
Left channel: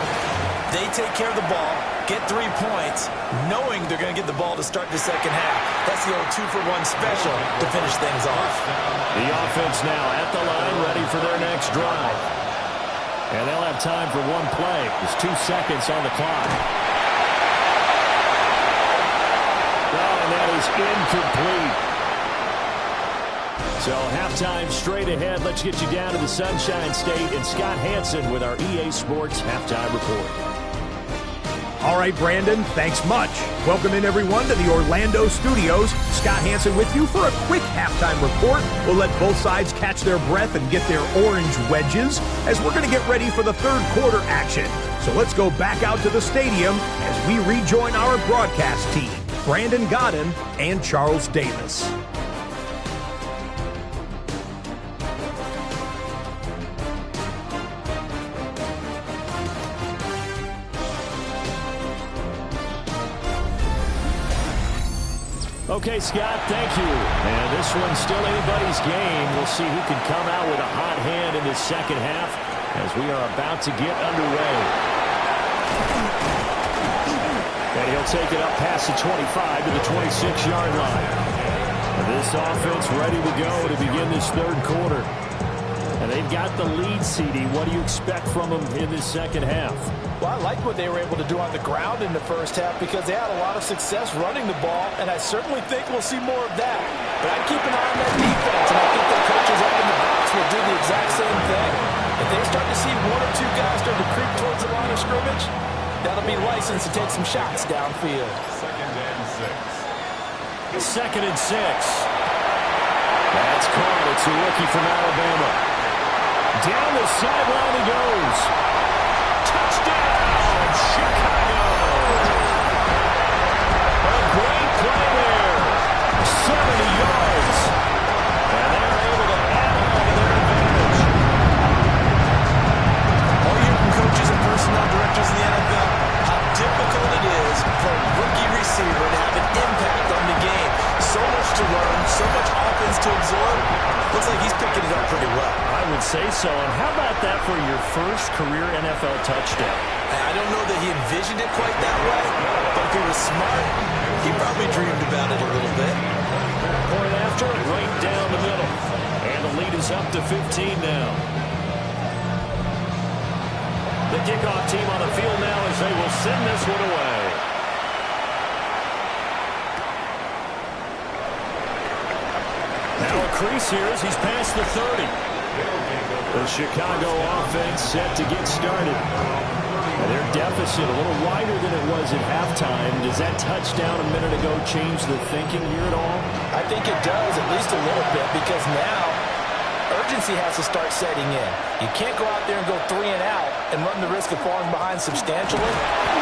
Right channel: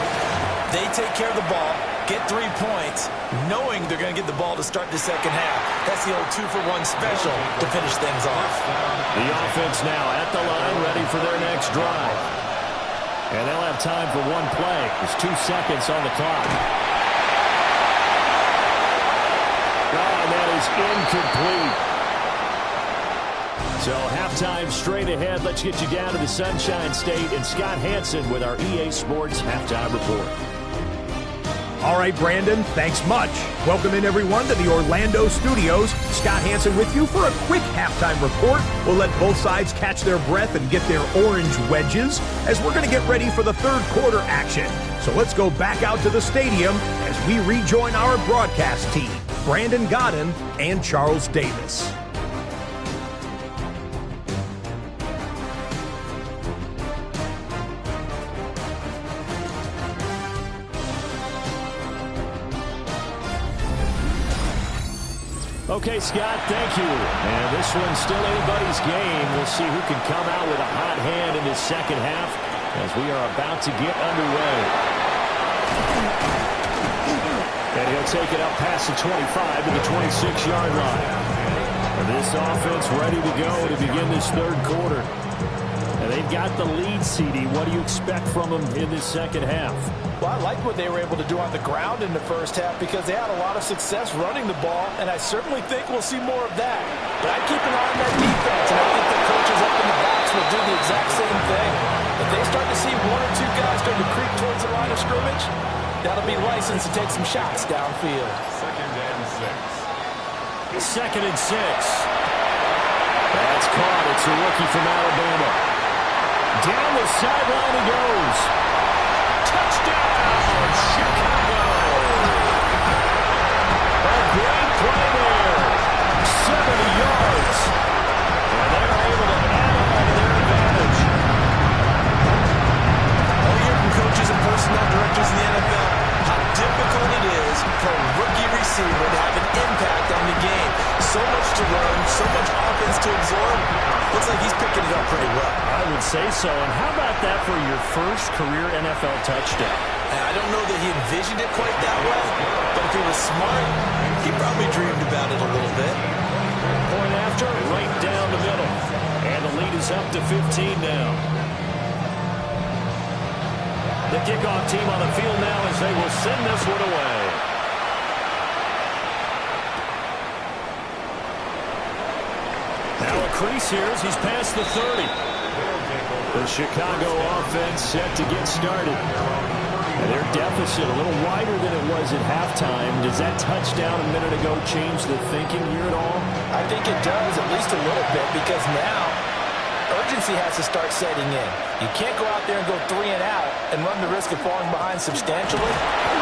They take care of the ball, get 3 points, knowing they're going to get the ball to start the second half. That's the old 2-for-1 special to finish things off. The offense now at the line, ready for their next drive. And they'll have time for 1 play. There's 2 seconds on the clock. Oh, and that is incomplete. So halftime straight ahead. Let's get you down to the Sunshine State and Scott Hansen with our EA Sports Halftime Report. All right, Brandon, thanks much. Welcome in, everyone, to the Orlando studios. Scott Hansen with you for a quick halftime report. We'll let both sides catch their breath and get their orange wedges as we're going to get ready for the 3rd quarter action. So let's go back out to the stadium as we rejoin our broadcast team, Brandon Godden and Charles Davis. Okay, Scott, thank you. And this one's still anybody's game. We'll see who can come out with a hot hand in this second half as we are about to get underway. And he'll take it up past the 25 to the 26-yard line. This offense ready to go to begin this third quarter. And they've got the lead, CD. What do you expect from them in this second half? Well, I like what they were able to do on the ground in the first half because they had a lot of success running the ball, and I certainly think we'll see more of that. But I'd keep an eye on that defense, and I think the coaches up in the box will do the exact same thing. If they start to see one or two guys start to creep towards the line of scrimmage, that'll be licensed to take some shots downfield. 2nd and 6. 2nd and 6. That's caught. It's a rookie from Alabama. Down the sideline he goes. Touchdown, Chicago. A great play there. 70 yards. And they're able to add on to their advantage. All year from coaches and personnel directors in the NFL, how difficult it is for a rookie receiver to have an impact on the game. So much to learn, so much offense to absorb. Looks like he's picking it up pretty well. I would say so. And how about that for your first career NFL touchdown? I don't know that he envisioned it quite that way, but if he was smart, he probably dreamed about it a little bit. Point after, right down the middle. And the lead is up to 15 now. The kickoff team on the field now as they will send this one away. Now a crease here as he's past the 30. The Chicago offense set to get started. And their deficit a little wider than it was at halftime. Does that touchdown a minute ago change the thinking here at all? I think it does, at least a little bit, because now urgency has to start setting in. You can't go out there and go 3 and out and run the risk of falling behind substantially,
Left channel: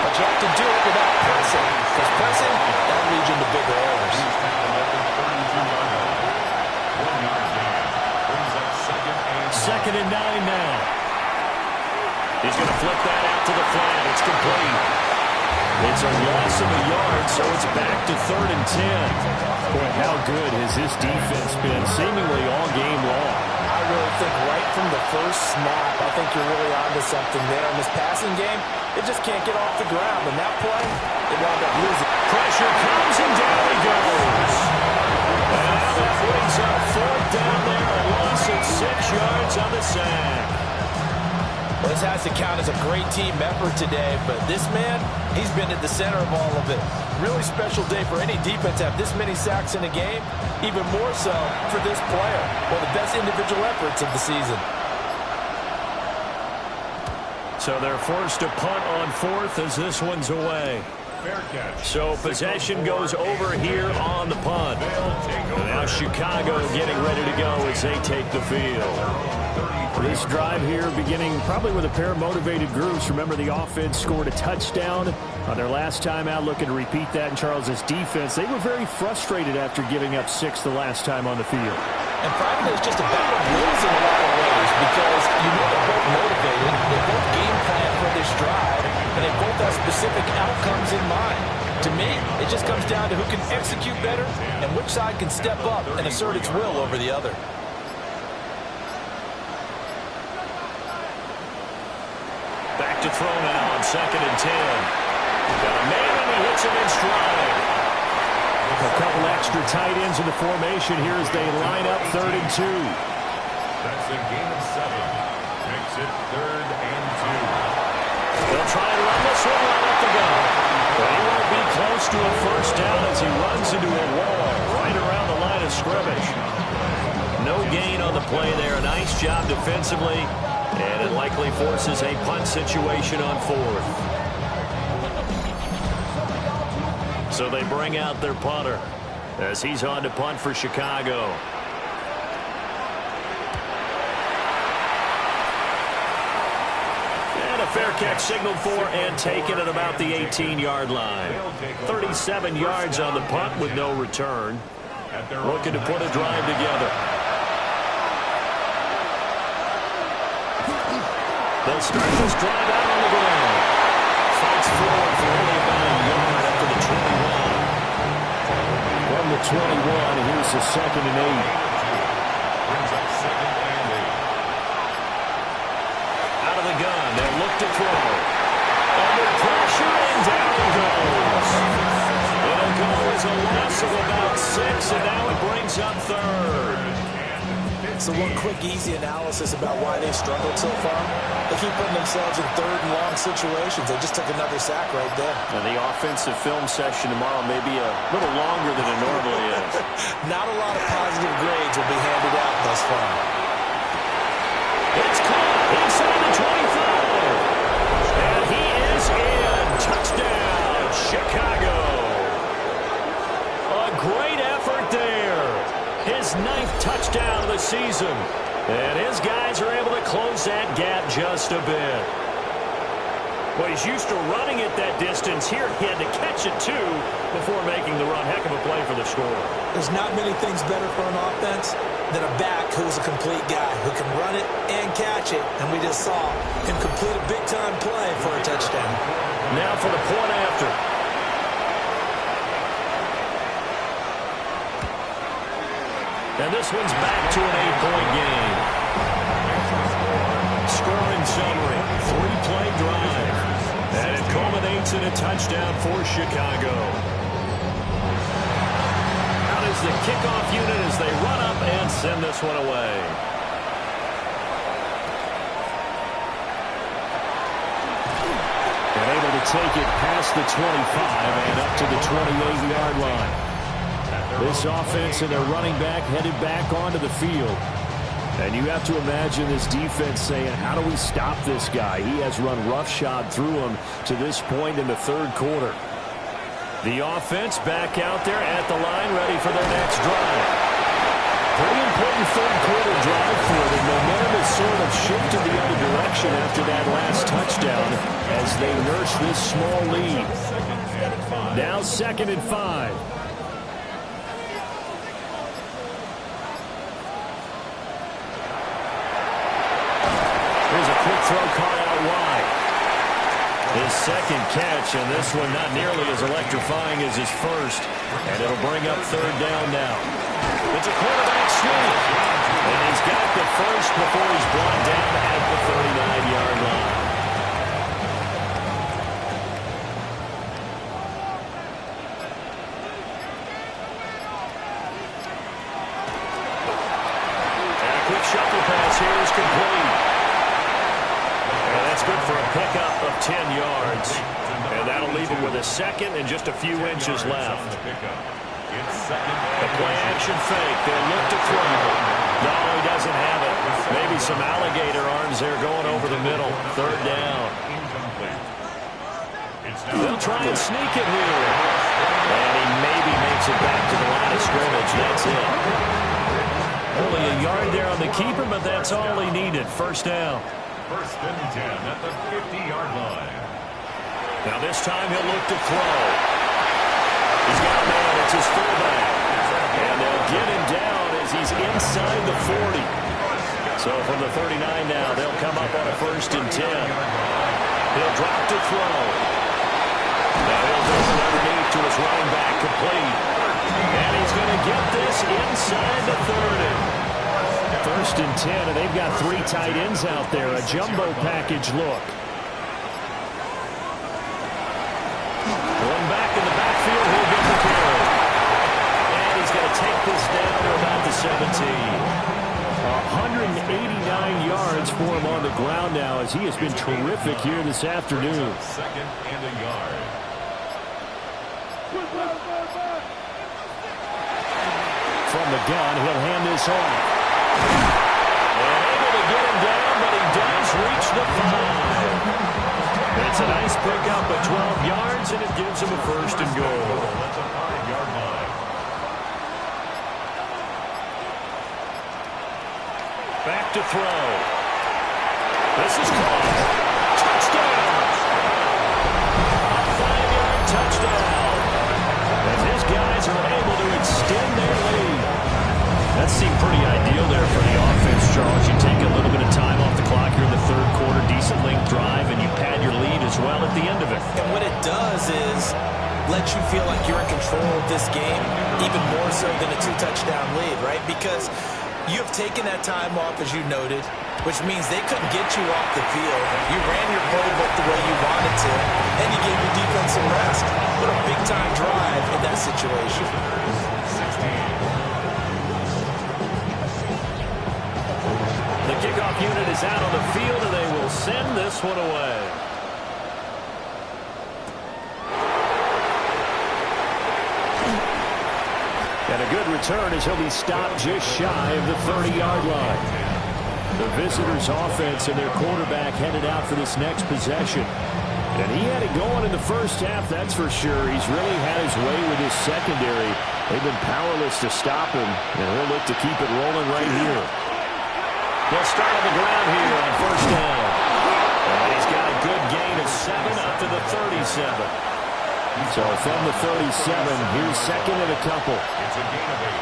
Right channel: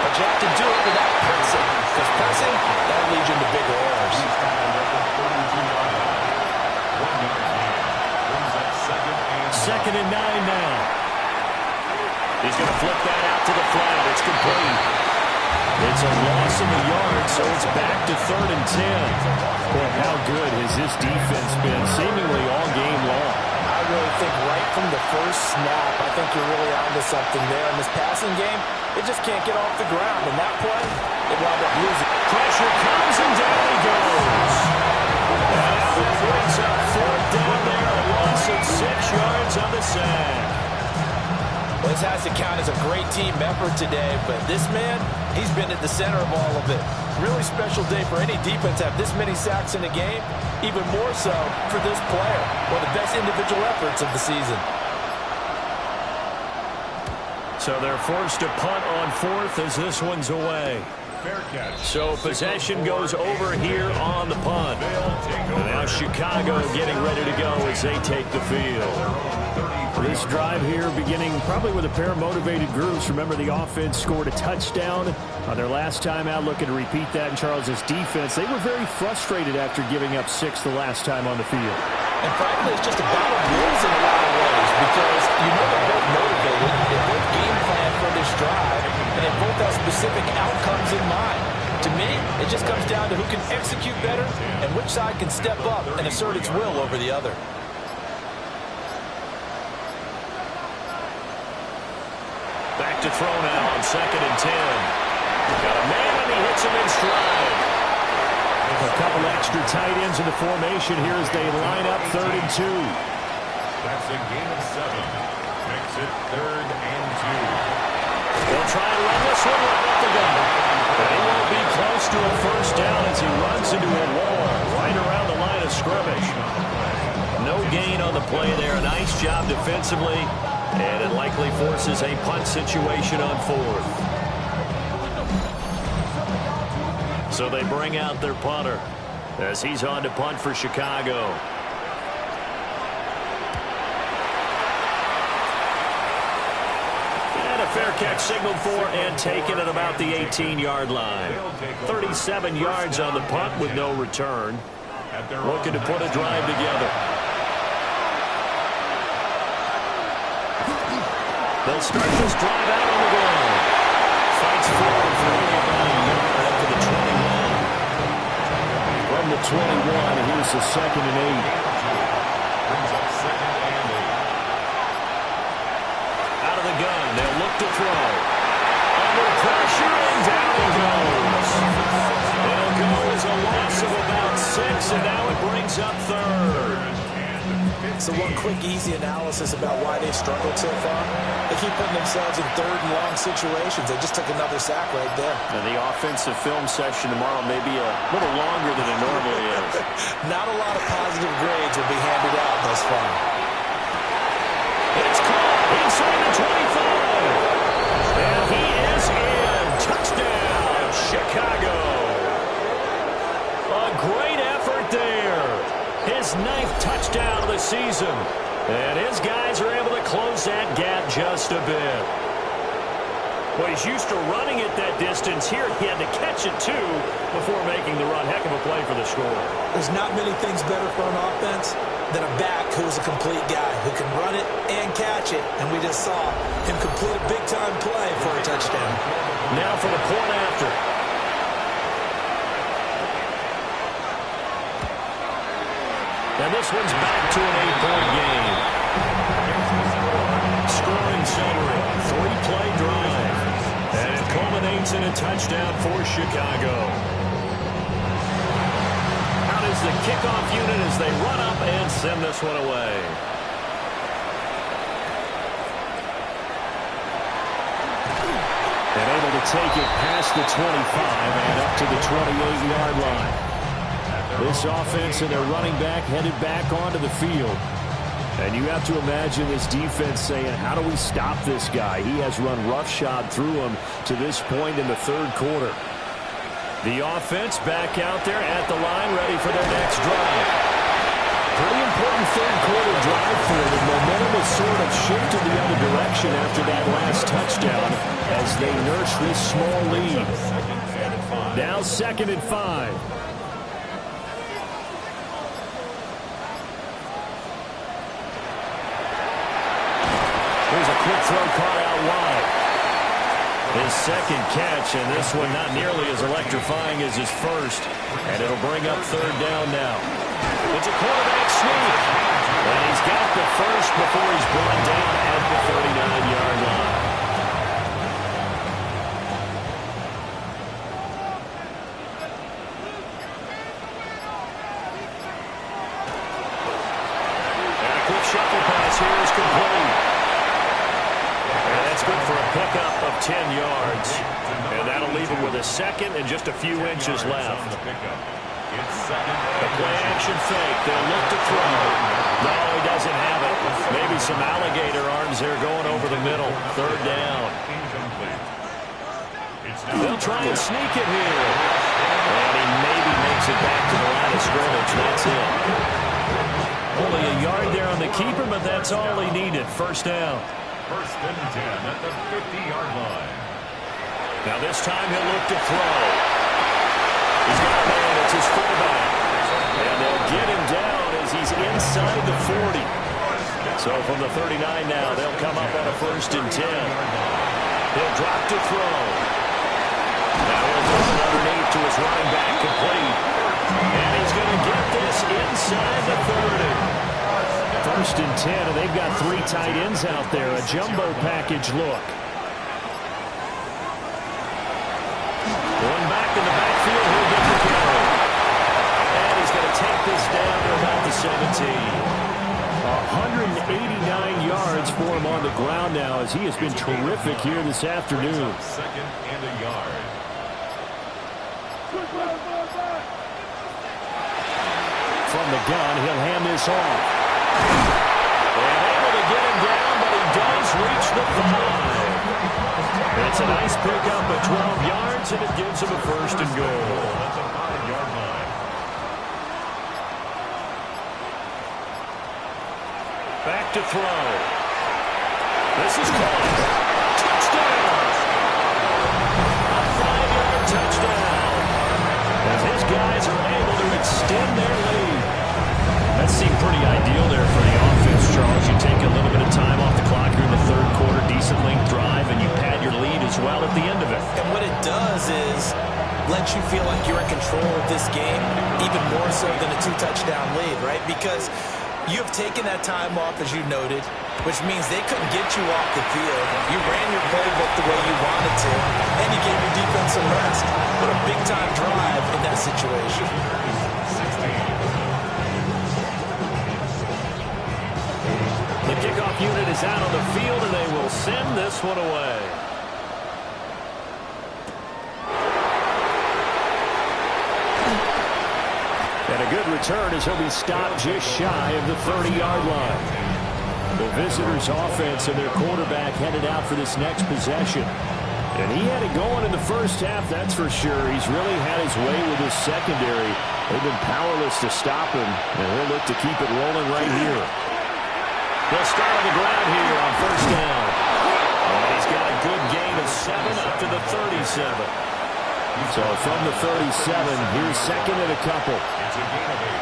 but you have to do it without pressing, because pressing, that leads you into bigger errors. 1-yard gain. Brings up 2nd and 9 now. He's going to flip that out to the flat. It's complete. It's a loss of a yard, so it's back to 3rd and 10. Boy, how good has this defense been seemingly all game long? I really think right from the first snap, I think you're really onto something there. In this passing game, it just can't get off the ground. And that play, it wound up losing. Pressure comes and down he goes. And now that brings up 4th down there, a loss of 6 yards on the sack. Well, this has to count as a great team effort today, but this man, he's been at the center of all of it. Really special day for any defense to have this many sacks in a game, even more so for this player. One of the best individual efforts of the season. So they're forced to punt on 4th as this one's away. Fair catch. So possession goes over here on the punt. And now Chicago getting ready to go as they take the field. This drive here beginning probably with a pair of motivated groups. Remember, the offense scored a touchdown on their last time out, looking to repeat that in Charles' defense. They were very frustrated after giving up 6 the last time on the field. And frankly, it's just a battle of wills in a lot of ways because you know they're both motivated, they both game plan for this drive, and they both have specific outcomes in mind. To me, it just comes down to who can execute better and which side can step up and assert its will over the other. Back to throw now on 2nd and 10. Got a man and he hits him in stride. A couple extra tight ends in the formation here as they line up 3rd and 2. That's a gain of 7. Makes it 3rd and 2. They'll try and run this one right up the gut. But he won't be close to a first down as he runs into a wall right around the line of scrimmage. No gain on the play there. A nice job defensively. And it likely forces a punt situation on 4th. So they bring out their punter as he's on to punt for Chicago. And a fair catch signaled for and taken at about the 18-yard line. 37 yards on the punt with no return. Looking to put a drive together. They'll start this drive out on the ground. Fights forward for only about a yard up to the 21. From the 21, here's the 2nd and 8. Brings up 2nd and 8. Out of the gun, they'll look to throw. Under pressure, and down he goes. It'll go as a loss of about 6, and now it brings up third. So one quick, easy analysis about why they've struggled so far. They keep putting themselves in third and long situations. They just took another sack right there. And the offensive film session tomorrow may be a little longer than it normally is. Not a lot of positive grades will be handed out thus far. It's caught inside the 25. And he is in. Touchdown, Chicago. A great effort there. His 9th touchdown of the season. And his guys are able to close that gap just a bit. Well, he's used to running it that distance. Here he had to catch it, too, before making the run. Heck of a play for the score. There's not many things better for an offense than a back who's a complete guy, who can run it and catch it. And we just saw him complete a big-time play for a touchdown. Now for the point after. And this one's back to an 8-point game. Scoring summary, 3-play drive. And it culminates in a touchdown for Chicago. Out is the kickoff unit as they run up and send this one away. And able to take it past the 25 and up to the 28-yard line. This offense and their running back headed back onto the field. And you have to imagine this defense saying, how do we stop this guy? He has run roughshod through him to this point in the third quarter. The offense back out there at the line, ready for their next drive. Pretty important third quarter drive for them. Momentum has sort of shifted the other direction after that last touchdown as they nurse this small lead. Now 2nd and 5. Here's a quick throw caught out wide. His 2nd catch, and this one not nearly as electrifying as his first. And it'll bring up 3rd down now. It's a quarterback sneak. And he's got the first before he's brought down at the 39-yard line. And a quick shuffle pass here is complete. And that's good for a pickup of 10 yards. And that'll leave him with a 2nd and just a few inches left. The play-action fake. They'll look to throw. No, he doesn't have it. Maybe some alligator arms there going over the middle. 3rd down. They'll try and sneak it here. And he maybe makes it back to the line of scrimmage. That's it. Only a yard there on the keeper, but that's all he needed. 1st down. 1st and 10 at the 50-yard line. Now this time he'll look to throw. He's got a man. It's his fullback. And they'll get him down as he's inside the 40. So from the 39 now, they'll come up on a 1st and 10. He'll drop to throw. Now he'll throw it underneath to his running back, complete. And he's going to get this inside the 30. 1st and 10, and they've got 3 tight ends out there. A jumbo package look. Going back in the backfield, he'll get the carry. And he's going to take this down to about the 17. 189 yards for him on the ground now as he has been terrific here this afternoon. 2nd and a yard. From the gun, he'll hand this off. And able to get him down, but he does reach the 5. It's a nice pickup of 12 yards, and it gives him a 1st and goal. That's a 5-yard line. Back to throw. This is caught. Touchdown! A 5-yard touchdown. As his guys are able to extend their lead. That seemed pretty ideal there for the offense, Charles. You take a little bit of time off the clock here in the third quarter, decent length drive, and you pad your lead as well at the end of it. And what it does is let you feel like you're in control of this game, even more so than a 2-touchdown lead, right? Because you have taken that time off, as you noted. which means they couldn't get you off the field. You ran your playbook the way you wanted to, and you gave your defense some rest. What a big-time drive in that situation. The kickoff unit is out on the field, and they will send this one away. And a good return as he'll be stopped just shy of the 30-yard line. The visitors' offense and their quarterback headed out for this next possession. And he had it going in the first half, that's for sure. He's really had his way with his secondary. They've been powerless to stop him, and he'll look to keep it rolling right here. They'll start on the ground here on first down. And he's got a good gain of 7 up to the 37. So from the 37, here's second and a couple. It's a gain of 8.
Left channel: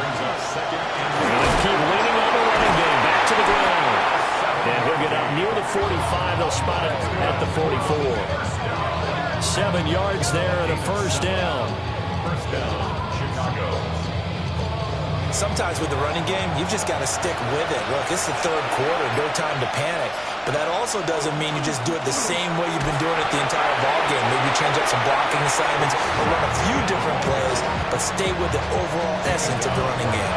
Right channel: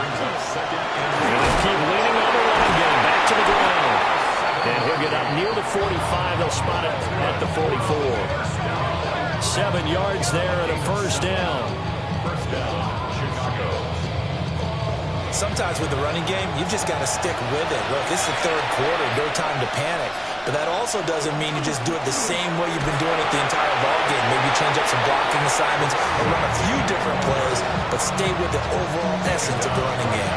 Brings up second and they'll keep leaning on the running game. Back to the ground. And he'll get up near the 45. They'll spot it at the 44. 7 yards there and a first down. First down, Chicago. Sometimes with the running game, you've just got to stick with it. Look, it's the third quarter, no time to panic. But that also doesn't mean you just do it the same way you've been doing it the entire ball game. Maybe change up some blocking assignments or run a few different plays, but stay with the overall essence of the running game.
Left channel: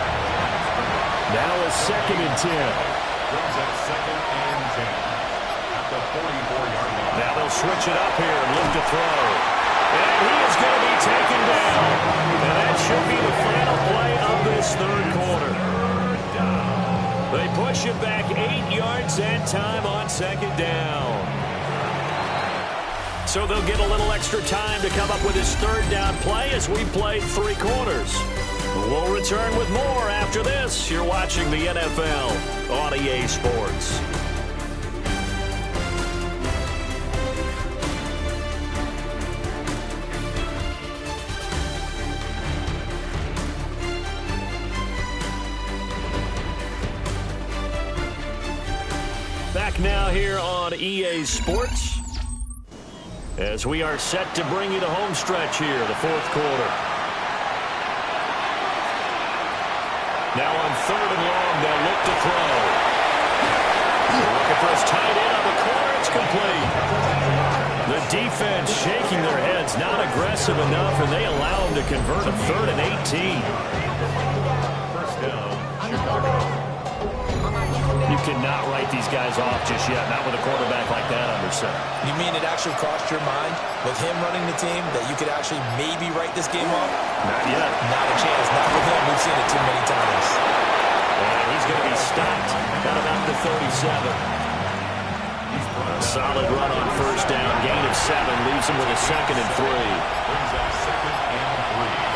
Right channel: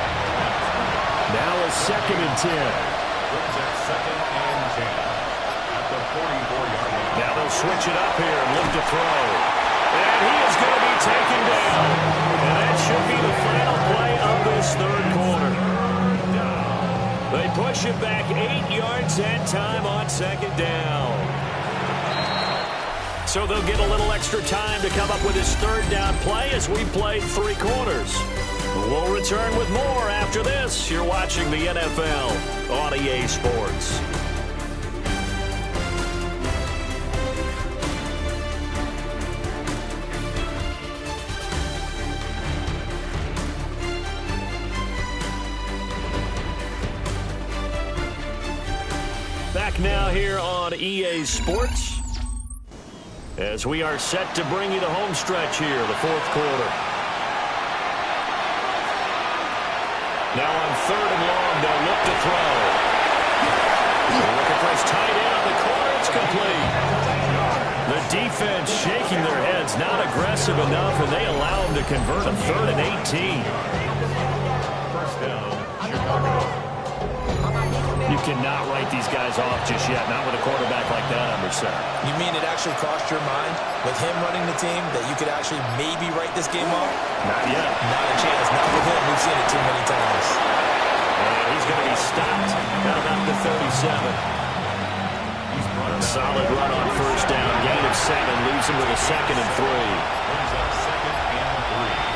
Now a second and 10. Brings up second and 10 at the 44-yard line. Now they'll switch it up here and look to throw. And he is going to be taken down. And that should be the final play of this third quarter. They push him back 8 yards that time on second down. So they'll get a little extra time to come up with his third down play as we played 3 quarters. We'll return with more after this. You're watching the NFL on EA Sports. Back now here on EA Sports as we are set to bring you the home stretch here, the fourth quarter. Now on third and long, they'll look to throw. Looking for his tight end on the corner. It's complete. The defense shaking their heads, not aggressive enough, and they allow him to convert a 3rd and 18. First down, Chicago. You cannot write these guys off just yet, not with a quarterback like that under center. You mean it actually crossed your mind with him running the team that you could actually maybe write this game off? Not yet. Not a chance. Not with him. We've seen it too many times. And he's going to be stopped at about the 37. A solid run on first down. Gain of 7 leaves him with a 2nd and 3. Brings up second and 3.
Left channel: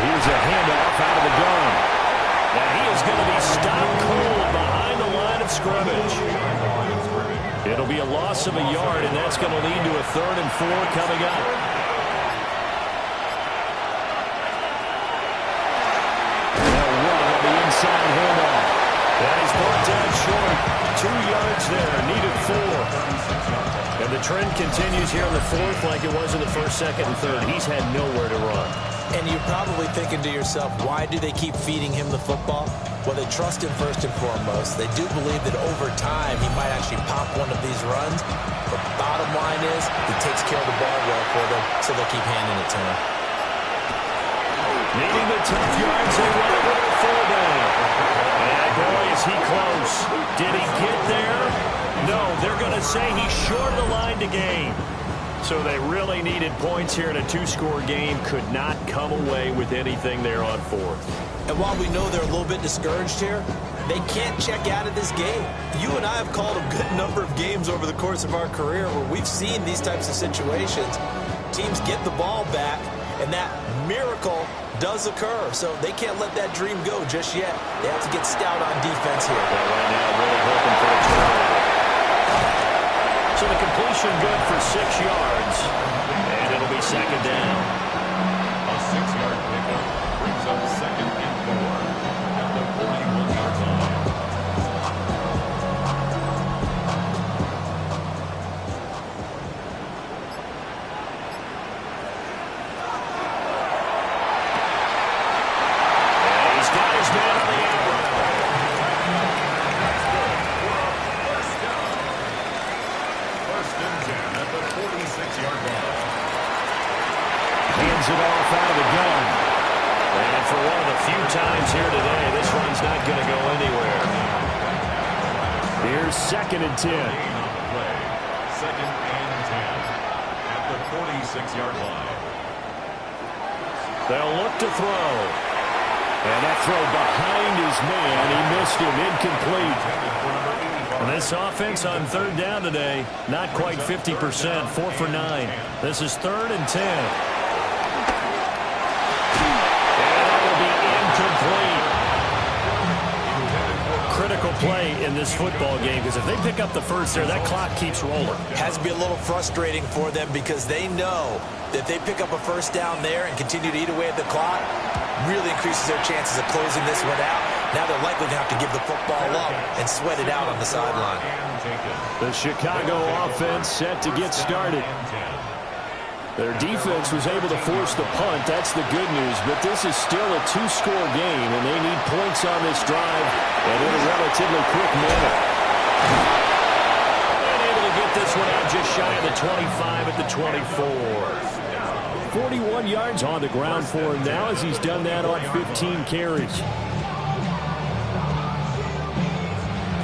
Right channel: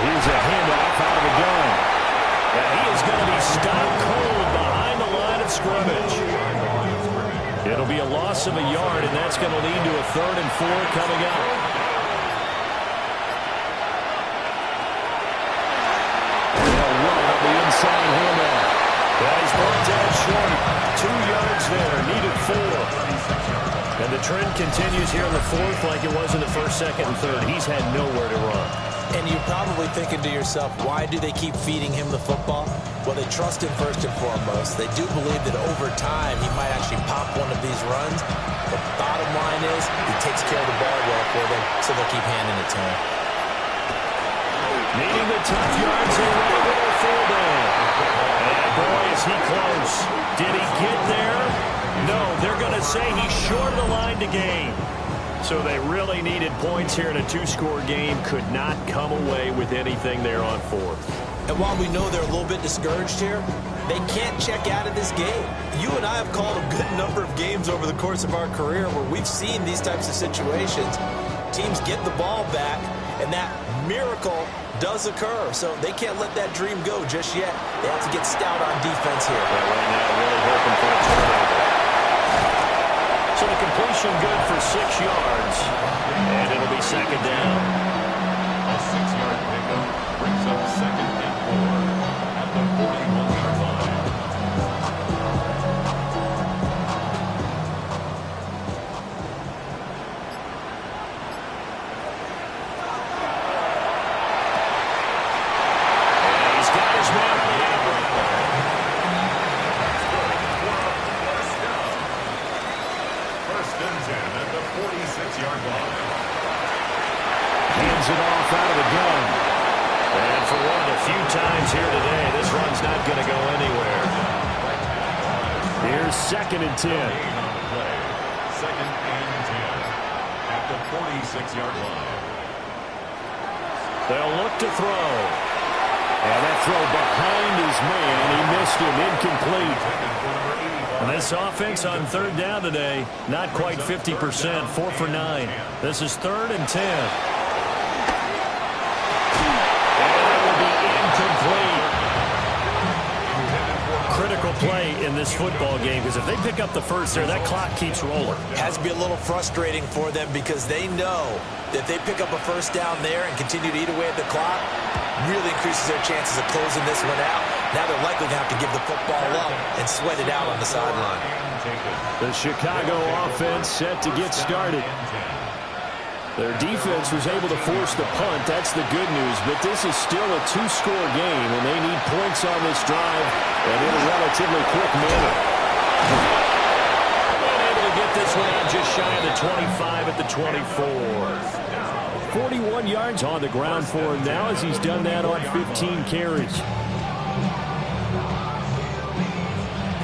Here's a handoff out of the gun. And he is going to be stopped cold behind the line of scrimmage. It'll be a loss of a yard, and that's going to lead to a 3rd and 4 coming up. And they'll run on the inside handoff. That is brought down short. 2 yards there, needed 4. And the trend continues here in the fourth like it was in the first, second, and third. He's had nowhere to run. And you're probably thinking to yourself, why do they keep feeding him the football? Well, they trust him first and foremost. They do believe that over time he might actually pop one of these runs. But bottom line is he takes care of the ball well for them, so they'll keep handing it to him. Needing the tough yards, they run it with their fullback. And boy, is he close. Did he get there? No, they're going to say he's short of the line to gain. So they really needed points here in a 2-score game. Could not come away with anything there on fourth. And while we know they're a little bit discouraged here, they can't check out of this game. You and I have called a good number of games over the course of our career where we've seen these types of situations. Teams get the ball back, and that miracle does occur. So they can't let that dream go just yet. They have to get stout on defense here. Yeah, right now really hoping for a turnover. So the completion good for 6 yards, and it'll be second down. A 6-yard pickup brings up second and 4 at the 41-yard line. And He's got his man on the out route. That's good for a first down. First and 10 at the 46-yard line. Hands it off out of the gun. And for one of the few times here today, this run's not going to go anywhere. Here's 2nd and 10. Gain on the play. 2nd and 10 at the 46-yard line. They'll look to throw. And that throw behind his man. He missed him. Incomplete. And this offense on 3rd down today, not quite 50%. 4 for 9. This is 3rd and 10. And that will be incomplete. Critical play in this football game, because if they pick up the first there, that clock keeps rolling. Has to be a little frustrating for them because they know that if they pick up a first down there and continue to eat away at the clock, really increases their chances of closing this one out. Now they're likely to have to give the football up and sweat it out on the sideline. The Chicago offense set to get started. Their defense was able to force the punt. That's the good news. But this is still a 2-score game, and they need points on this drive and in a relatively quick manner. And able to get this one out just shy of the 25 at the 24. 41 yards on the ground for him now as he's done that on 15 carries.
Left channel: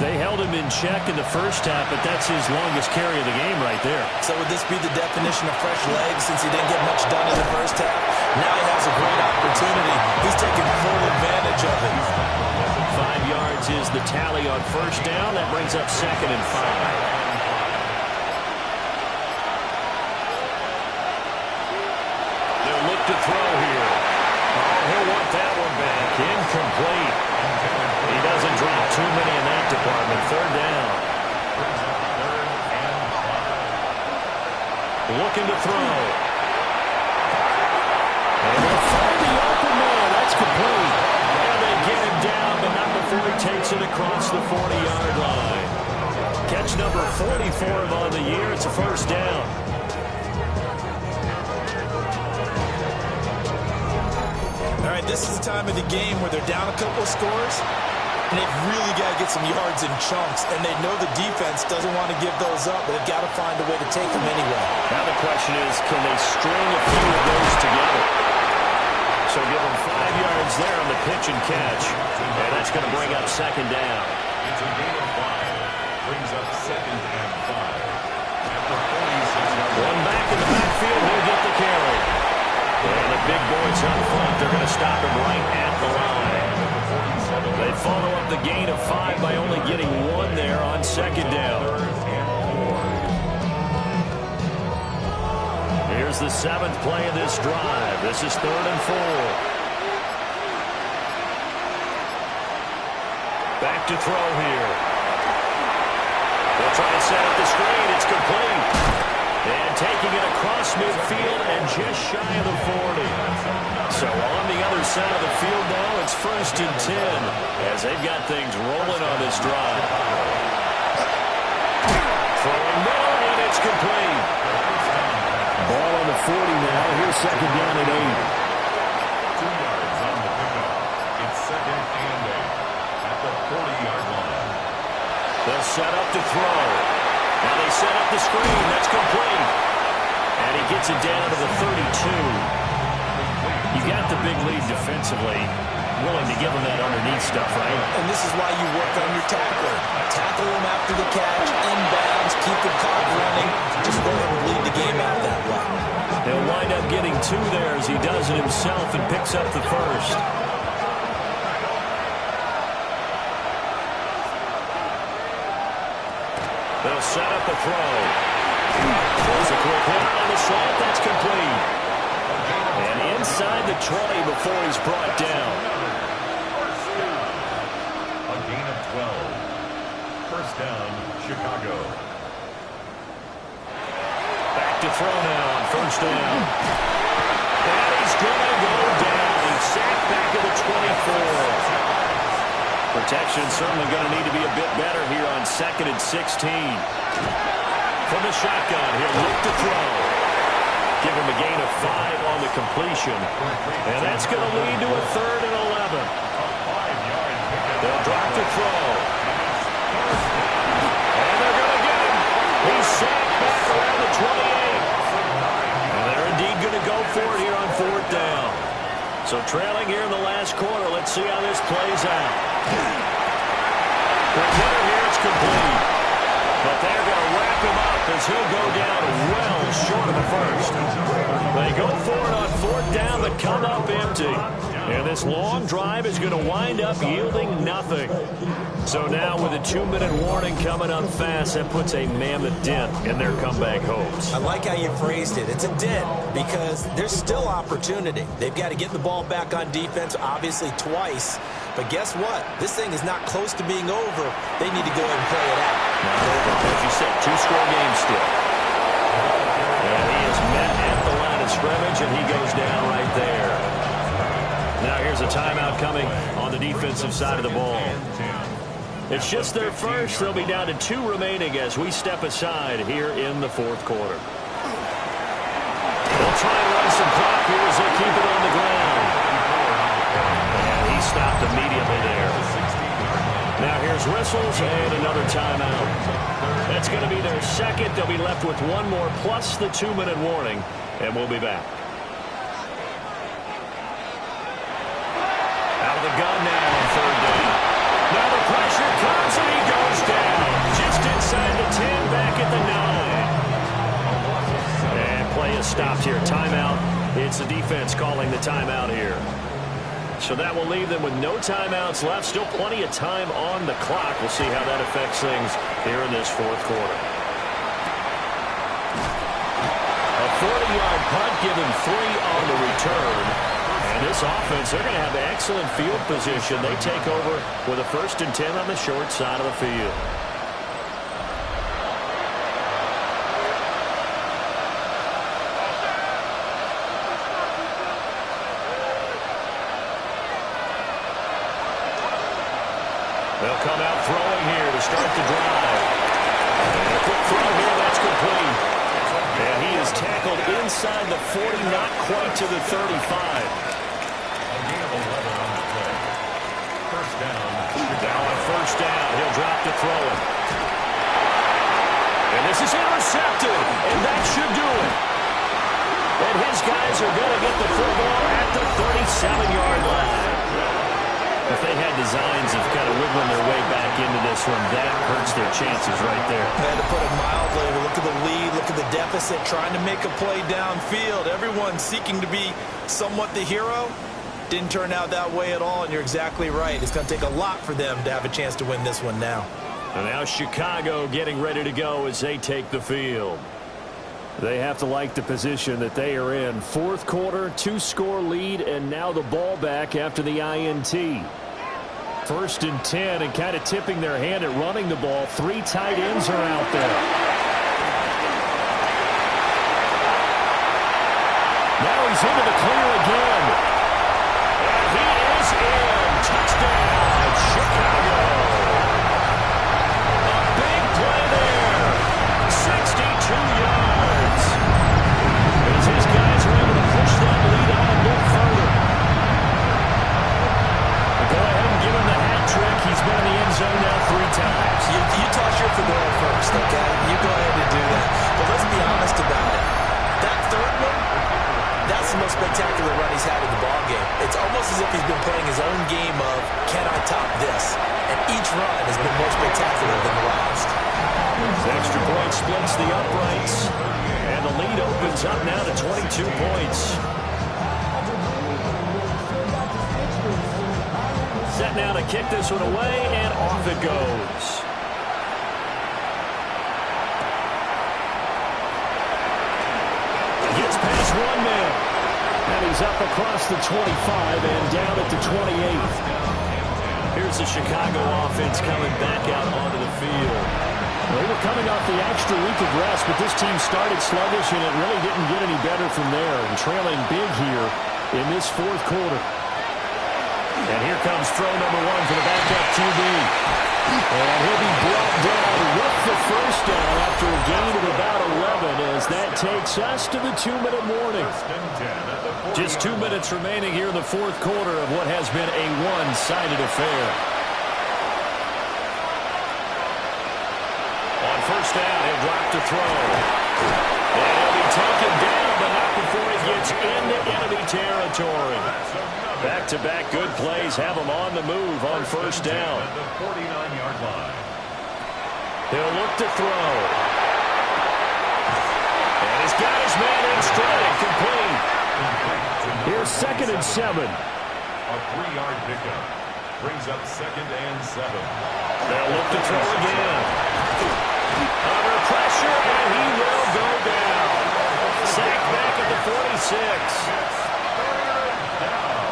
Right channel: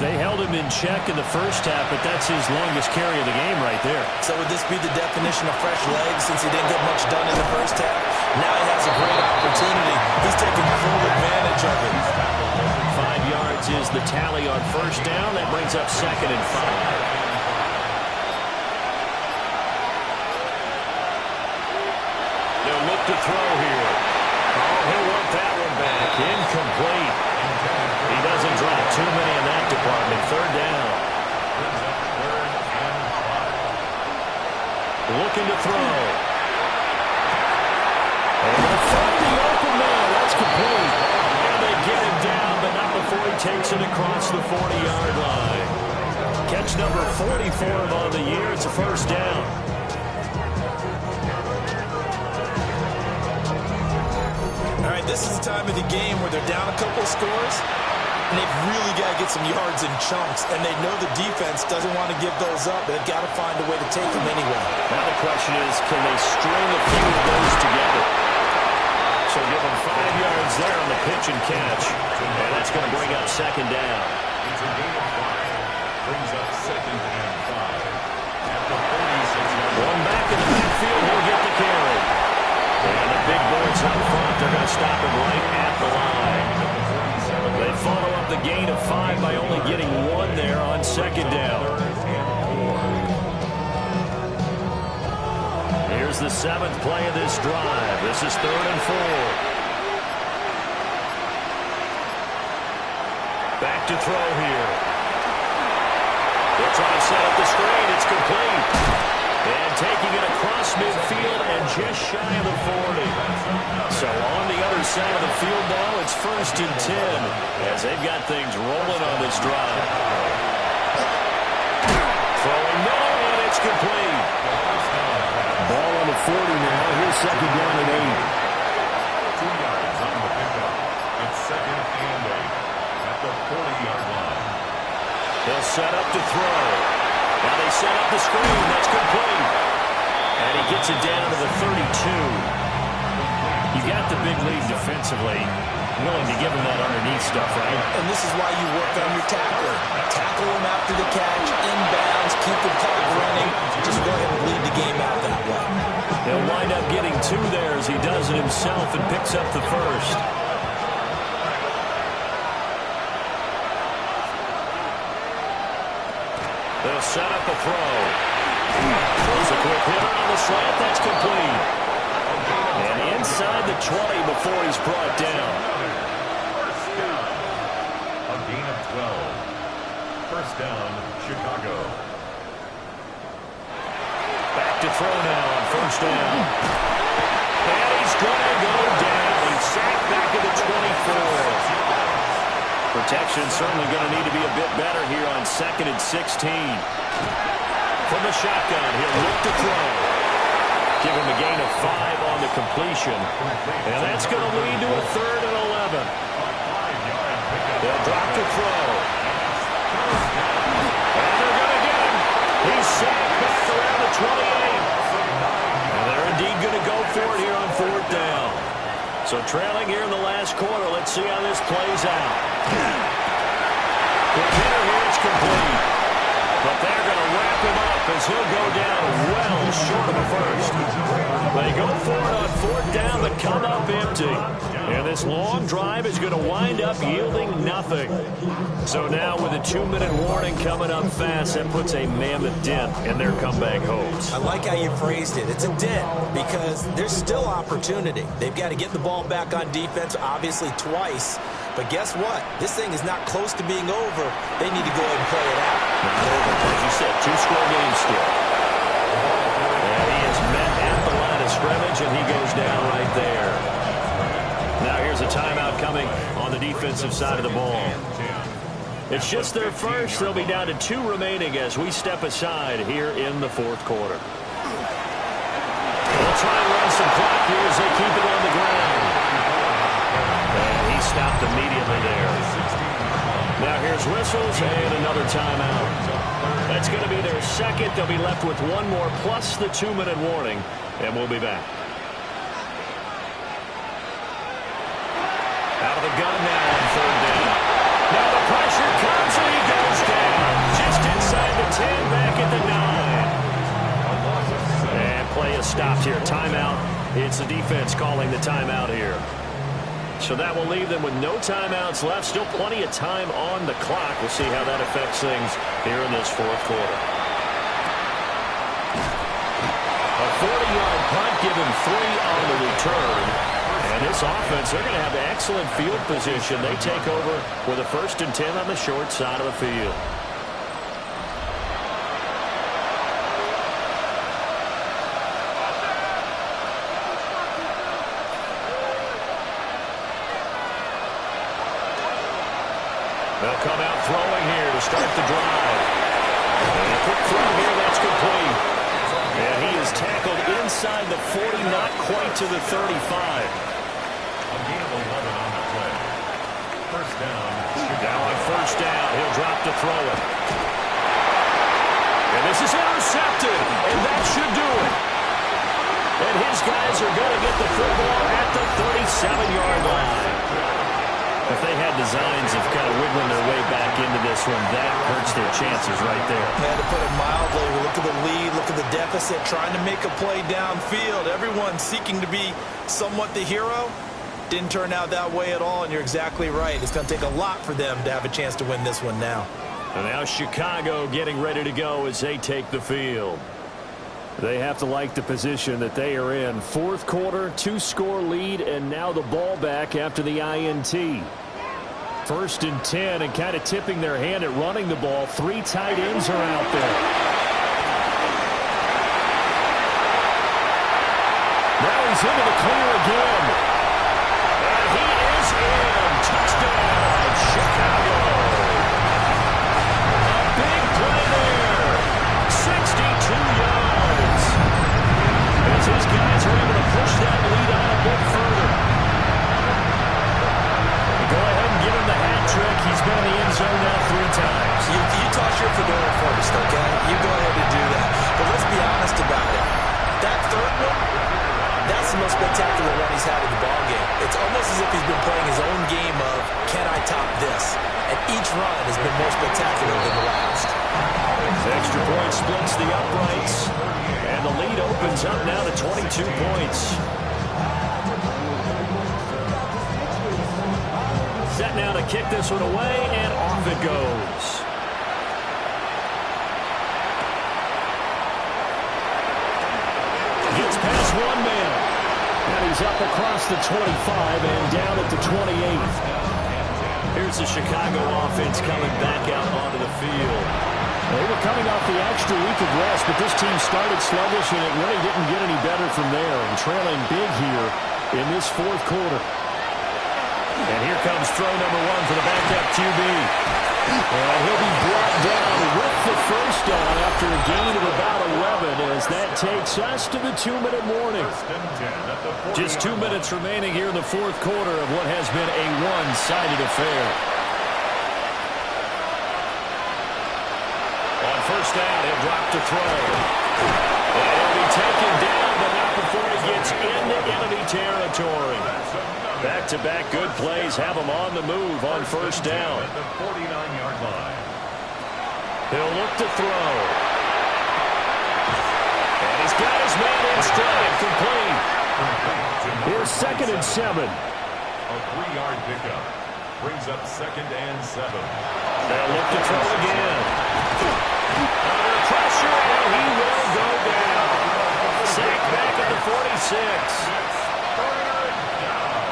They held him in check in the first half, but that's his longest carry of the game right there. So would this be the definition of fresh legs since he didn't get much done in the first half? Now he has a great opportunity. He's taking full advantage of it. 5 yards is the tally on first down. That brings up 2nd and 5. They'll look to throw here. Oh, he'll want that one back. Incomplete. He doesn't drop too many in that department. 3rd down. Looking to throw. And they'll find the open man. That's complete. And they get him down, but not before he takes it across the 40-yard line. Catch number 40 for him on the year. It's a first down. All right, this is the time of the game where they're down a couple of scores, and they've really got to get some yards in chunks, and they know the defense doesn't want to give those up, but they've got to find a way to take them anyway. Now the question is, can they string a few of those together? So give them 5 yards there on the pitch and catch, and that's going to bring up 2nd down. It's a gain of 5. Brings up 2nd and 5 at the 46-yard line. One back in the backfield, he'll get the carry. And the big boys up front, they're going to stop him right at the line. They follow up the gain of 5 by only getting 1 there on 2nd down. Here's the 7th play of this drive. This is 3rd and 4. Back to throw here. They'll try and set up the screen. It's complete. And taking it across midfield and just shy of the 40. So on the other side of the field now, it's 1st and 10 as they've got things rolling on this drive. Throwing middle, and it's complete. Ball on the 40 now. Here's 2nd down at 8. 2 yards on the pickup. It's 2nd and 8 at the 40-yard line. They'll set up to throw. Now they set up the screen. That's complete. And he gets it down to the 32. You got the big lead defensively. Willing to give him that underneath stuff, right? And this is why you work on your tackler. Tackle him after the catch, inbounds, keep the clock running. Just go ahead and bleed the game out that way. He'll wind up getting 2 there as he does it himself and picks up the first. They'll set up a throw. Throws a quick hitter on the slant. That's complete. And inside the 20 before he's brought down. First down. A gain of 12. First down, Chicago. Back to throw now on first down. And he's going to go down. He's sacked back at the 24. Protection certainly going to need to be a bit better here on 2nd and 16. From the shotgun, he'll look to throw. Give him a gain of 5 on the completion. And that's going to lead to a 3rd and 11. throw. And they're going to get him. He's sacked back around the 28. And they're indeed going to go for it here on 4th down. So trailing here in the last quarter. Let's see how this plays out. Quick hitter here. It's complete. But they're going to wrap him up as he'll go down well short of a first. They go for it on 4th down, but come up empty. And this long drive is going to wind up yielding nothing. So now with a 2-minute warning coming up fast, that puts a mammoth dent in their comeback hopes. I like how you phrased it. It's a dent because there's still opportunity. They've got to get the ball back on defense, obviously twice. But guess what? This thing is not close to being over. They need to go ahead and play it out. Not over. As you said, 2-score game still. And he is met at the line of scrimmage, and he goes down right there. Now here's a timeout coming on the defensive side of the ball. It's just their first. They'll be down to 2 remaining as we step aside here in the 4th quarter. They'll try and run some clock here as they keep it on the ground. And he stopped immediately there. Now here's whistles and another timeout. That's going to be their second. They'll be left with 1 more plus the 2-minute warning, and we'll be back. Out of the gun now on 3rd down. Now the pressure comes and he goes down. Just inside the 10, back at the 9. And play is stopped here. Timeout. It's the defense calling the timeout here. So that will leave them with no timeouts left. Still plenty of time on the clock. We'll see how that affects things here in this 4th quarter. A 40-yard punt, give him 3 on the return. And this offense, they're going to have excellent field position. They take over with a 1st and 10 on the short side of the field. They'll come out throwing here to start the drive. And a quick throw here, that's complete. And he is tackled inside the 40, not quite to the 35. A gain of 11 on the play. 1st down. Now on 1st down, he'll drop to throw it. And this is intercepted, and that should do it. And his guys are going to get the football at the 37-yard line. If they had designs of kind of wiggling their way back into this one, that hurts their chances right there. They had to put it mildly. Look at the lead, look at the deficit, trying to make a play downfield. Everyone seeking to be somewhat the hero. Didn't turn out that way at all, and you're exactly right. It's going to take a lot for them to have a chance to win this one now. And now Chicago getting ready to go as they take the field. They have to like the position that they are in. 4th quarter, 2-score lead, and now the ball back after the INT. 1st and 10, and kind of tipping their hand at running the ball. 3 tight ends are out there. Now he's into the clear again. And he is in. Touchdown, Chicago. A big play there. 62 yards. As his guys are able to push that lead out a bit further. Go ahead and give him the hat trick. He's been in the end zone now 3 times. You toss your fedora first, okay? You go ahead and do that. But let's be honest about it. That 3rd one, that's the most spectacular run he's had in the ballgame. It's almost as if he's been playing his own game of, can I top this? And each run has been more spectacular than the last. The extra point splits the uprights. And the lead opens up now to 22 points. Set now to kick this one away, and off it goes. Gets past 1 man. And he's up across the 25 and down at the 28. Here's the Chicago offense coming back out onto the field. They were coming off the extra week of rest, but this team started sluggish, and it really didn't get any better from there. And trailing big here in this 4th quarter. And here comes throw number 1 for the backup QB. And he'll be brought down with the 1st down after a gain of about 11 as that takes us to the 2-minute warning. Just 2 minutes remaining here in the 4th quarter of what has been a one-sided affair. first down. He'll drop to throw. And he'll be taken down, but not before he gets into enemy territory. Back-to-back good plays have him on the move on first down. At the 49-yard line. He'll look to throw. And he's got his man in stride, complete. Here's 2nd and 7. A 3-yard pickup. Brings up 2nd and 7. They'll look to throw again. Under pressure, and he will go down. Sacked back at the 46. It's 3rd down.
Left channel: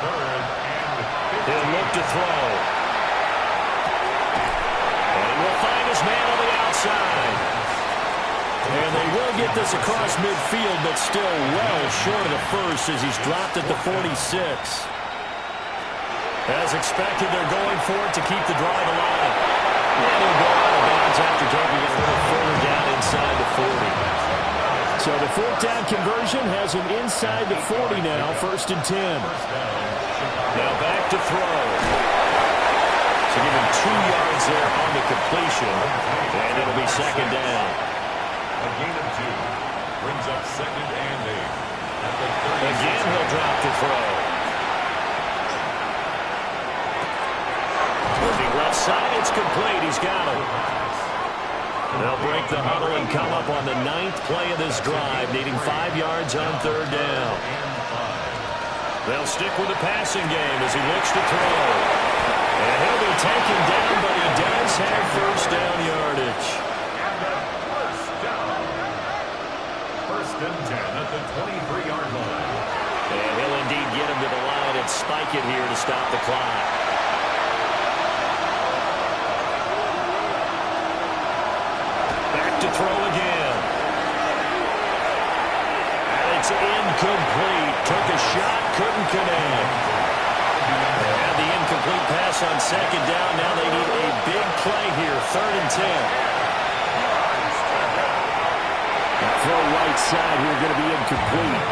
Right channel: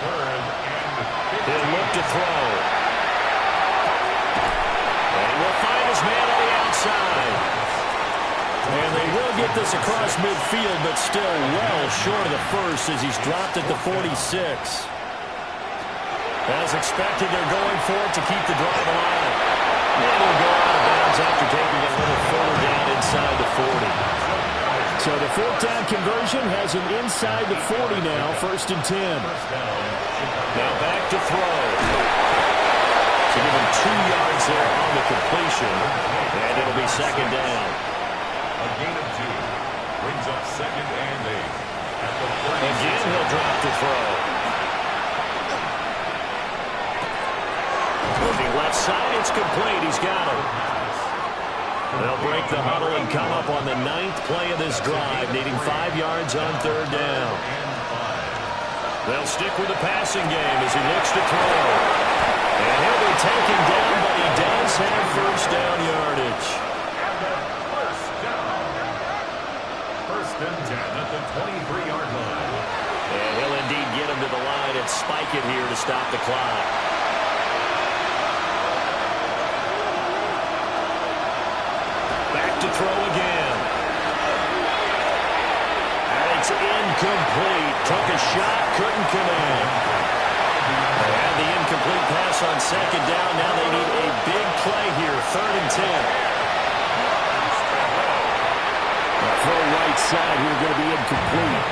3rd and 15. He'll look to throw. And he will find his man on the outside. And they will get this across midfield, but still well short of the first as he's dropped at the 46. As expected, they're going for it to keep the drive alive. And he'll go out of bounds after taking it a little further down inside the 40. So the 4th down conversion has him inside the 40 now, 1st and 10. Now back to throw. So give him 2 yards there on the completion, and it'll be 2nd down. A gain of 2. Brings up 2nd and 8. At the 36. Again, he'll drop to throw. Moving left side, it's complete. He's got it. They'll break the huddle and come up on the 9th play of this drive, needing 5 yards on 3rd down. They'll stick with the passing game as he looks to throw. And he'll be taken down, but he does have first down yardage. First and 10 at the 23-yard line. And he'll indeed get him to the line and spike it here to stop the clock. Back to throw again. And it's incomplete. Took a shot, couldn't connect. They had the incomplete pass on 2nd down. Now they need a big play here, 3rd and 10. Throw right side here, going to be incomplete.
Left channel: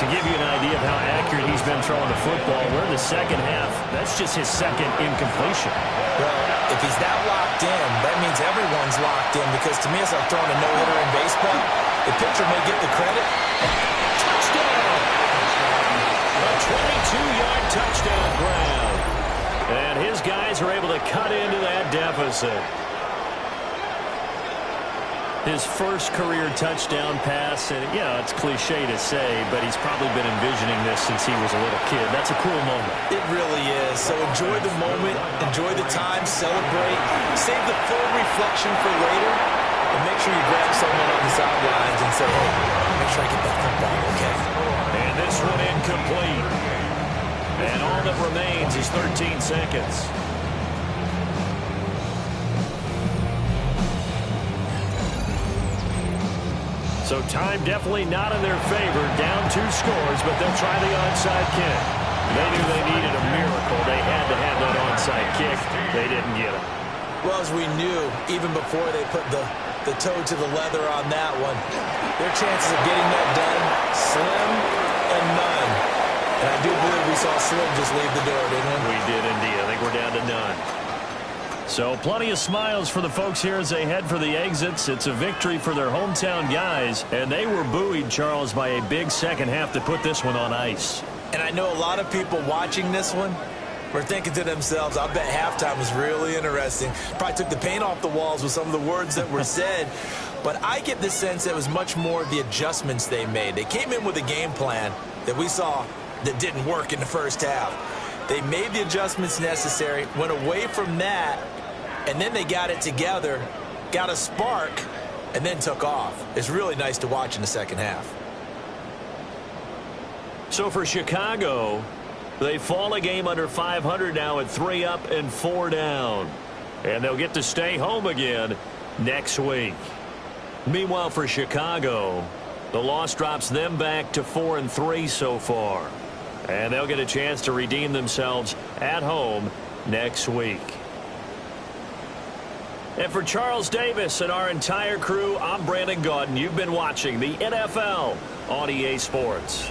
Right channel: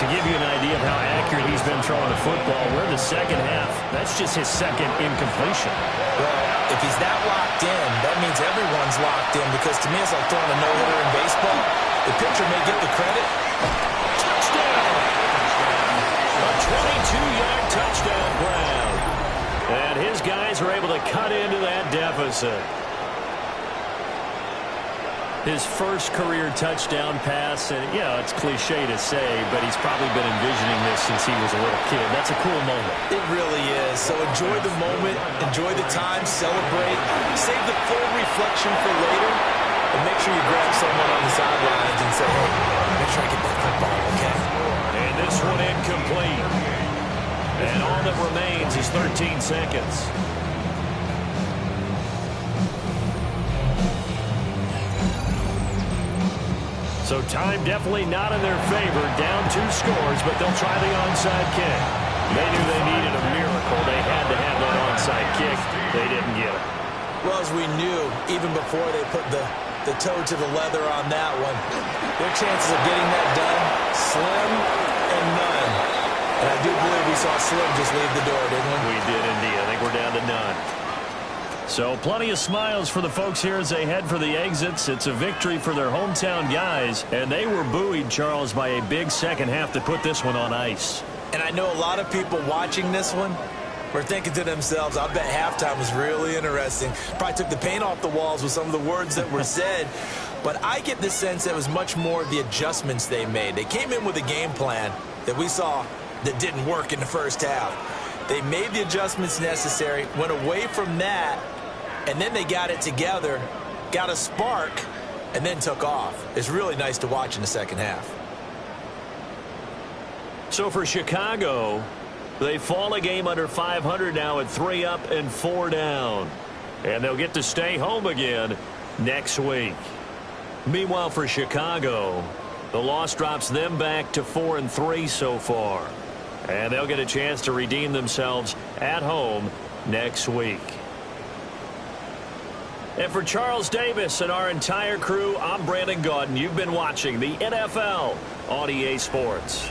To give you an idea of how accurate he's been throwing the football, we're in the 2nd half. That's just his 2nd incompletion. Well, if he's that locked in, that means everyone's locked in, because to me it's like throwing a no-hitter in baseball. The pitcher may get the credit. Touchdown! A 22-yard touchdown grab. And his guys are able to cut into that deficit. His first career touchdown pass, and it's cliche to say, but he's probably been envisioning this since he was a little kid. That's a cool moment. It really is. So enjoy the moment, enjoy the time, celebrate, save the full reflection for later, and make sure you grab someone on the sidelines and say, hey, make sure I get that football, okay? And this one incomplete. And all that remains is 13 seconds. So time definitely not in their favor. Down 2 scores, but they'll try the onside kick. They knew they needed a miracle. They had to have that onside kick. They didn't get it. Well, as we knew, even before they put the toe to the leather on that one, their chances of getting that done, slim and none. And I do believe we saw Slim just leave the door, didn't we? We did indeed. I think we're down to none. So plenty of smiles for the folks here as they head for the exits. It's a victory for their hometown guys, and they were buoyed, Charles, by a big 2nd half to put this one on ice. And I know a lot of people watching this one were thinking to themselves, I bet halftime was really interesting. Probably took the paint off the walls with some of the words that were said. But I get the sense that it was much more of the adjustments they made. They came in with a game plan that we saw that didn't work in the first half. They made the adjustments necessary, went away from that, and then they got it together, got a spark, and then took off. It's really nice to watch in the 2nd half. So for Chicago, they fall a game under 500 now at 3 up and 4 down. And they'll get to stay home again next week. Meanwhile, for Chicago, the loss drops them back to 4-3 so far. And they'll get a chance to redeem themselves at home next week. And for Charles Davis and our entire crew, I'm Brandon Gaudin. You've been watching the NFL on EA Sports.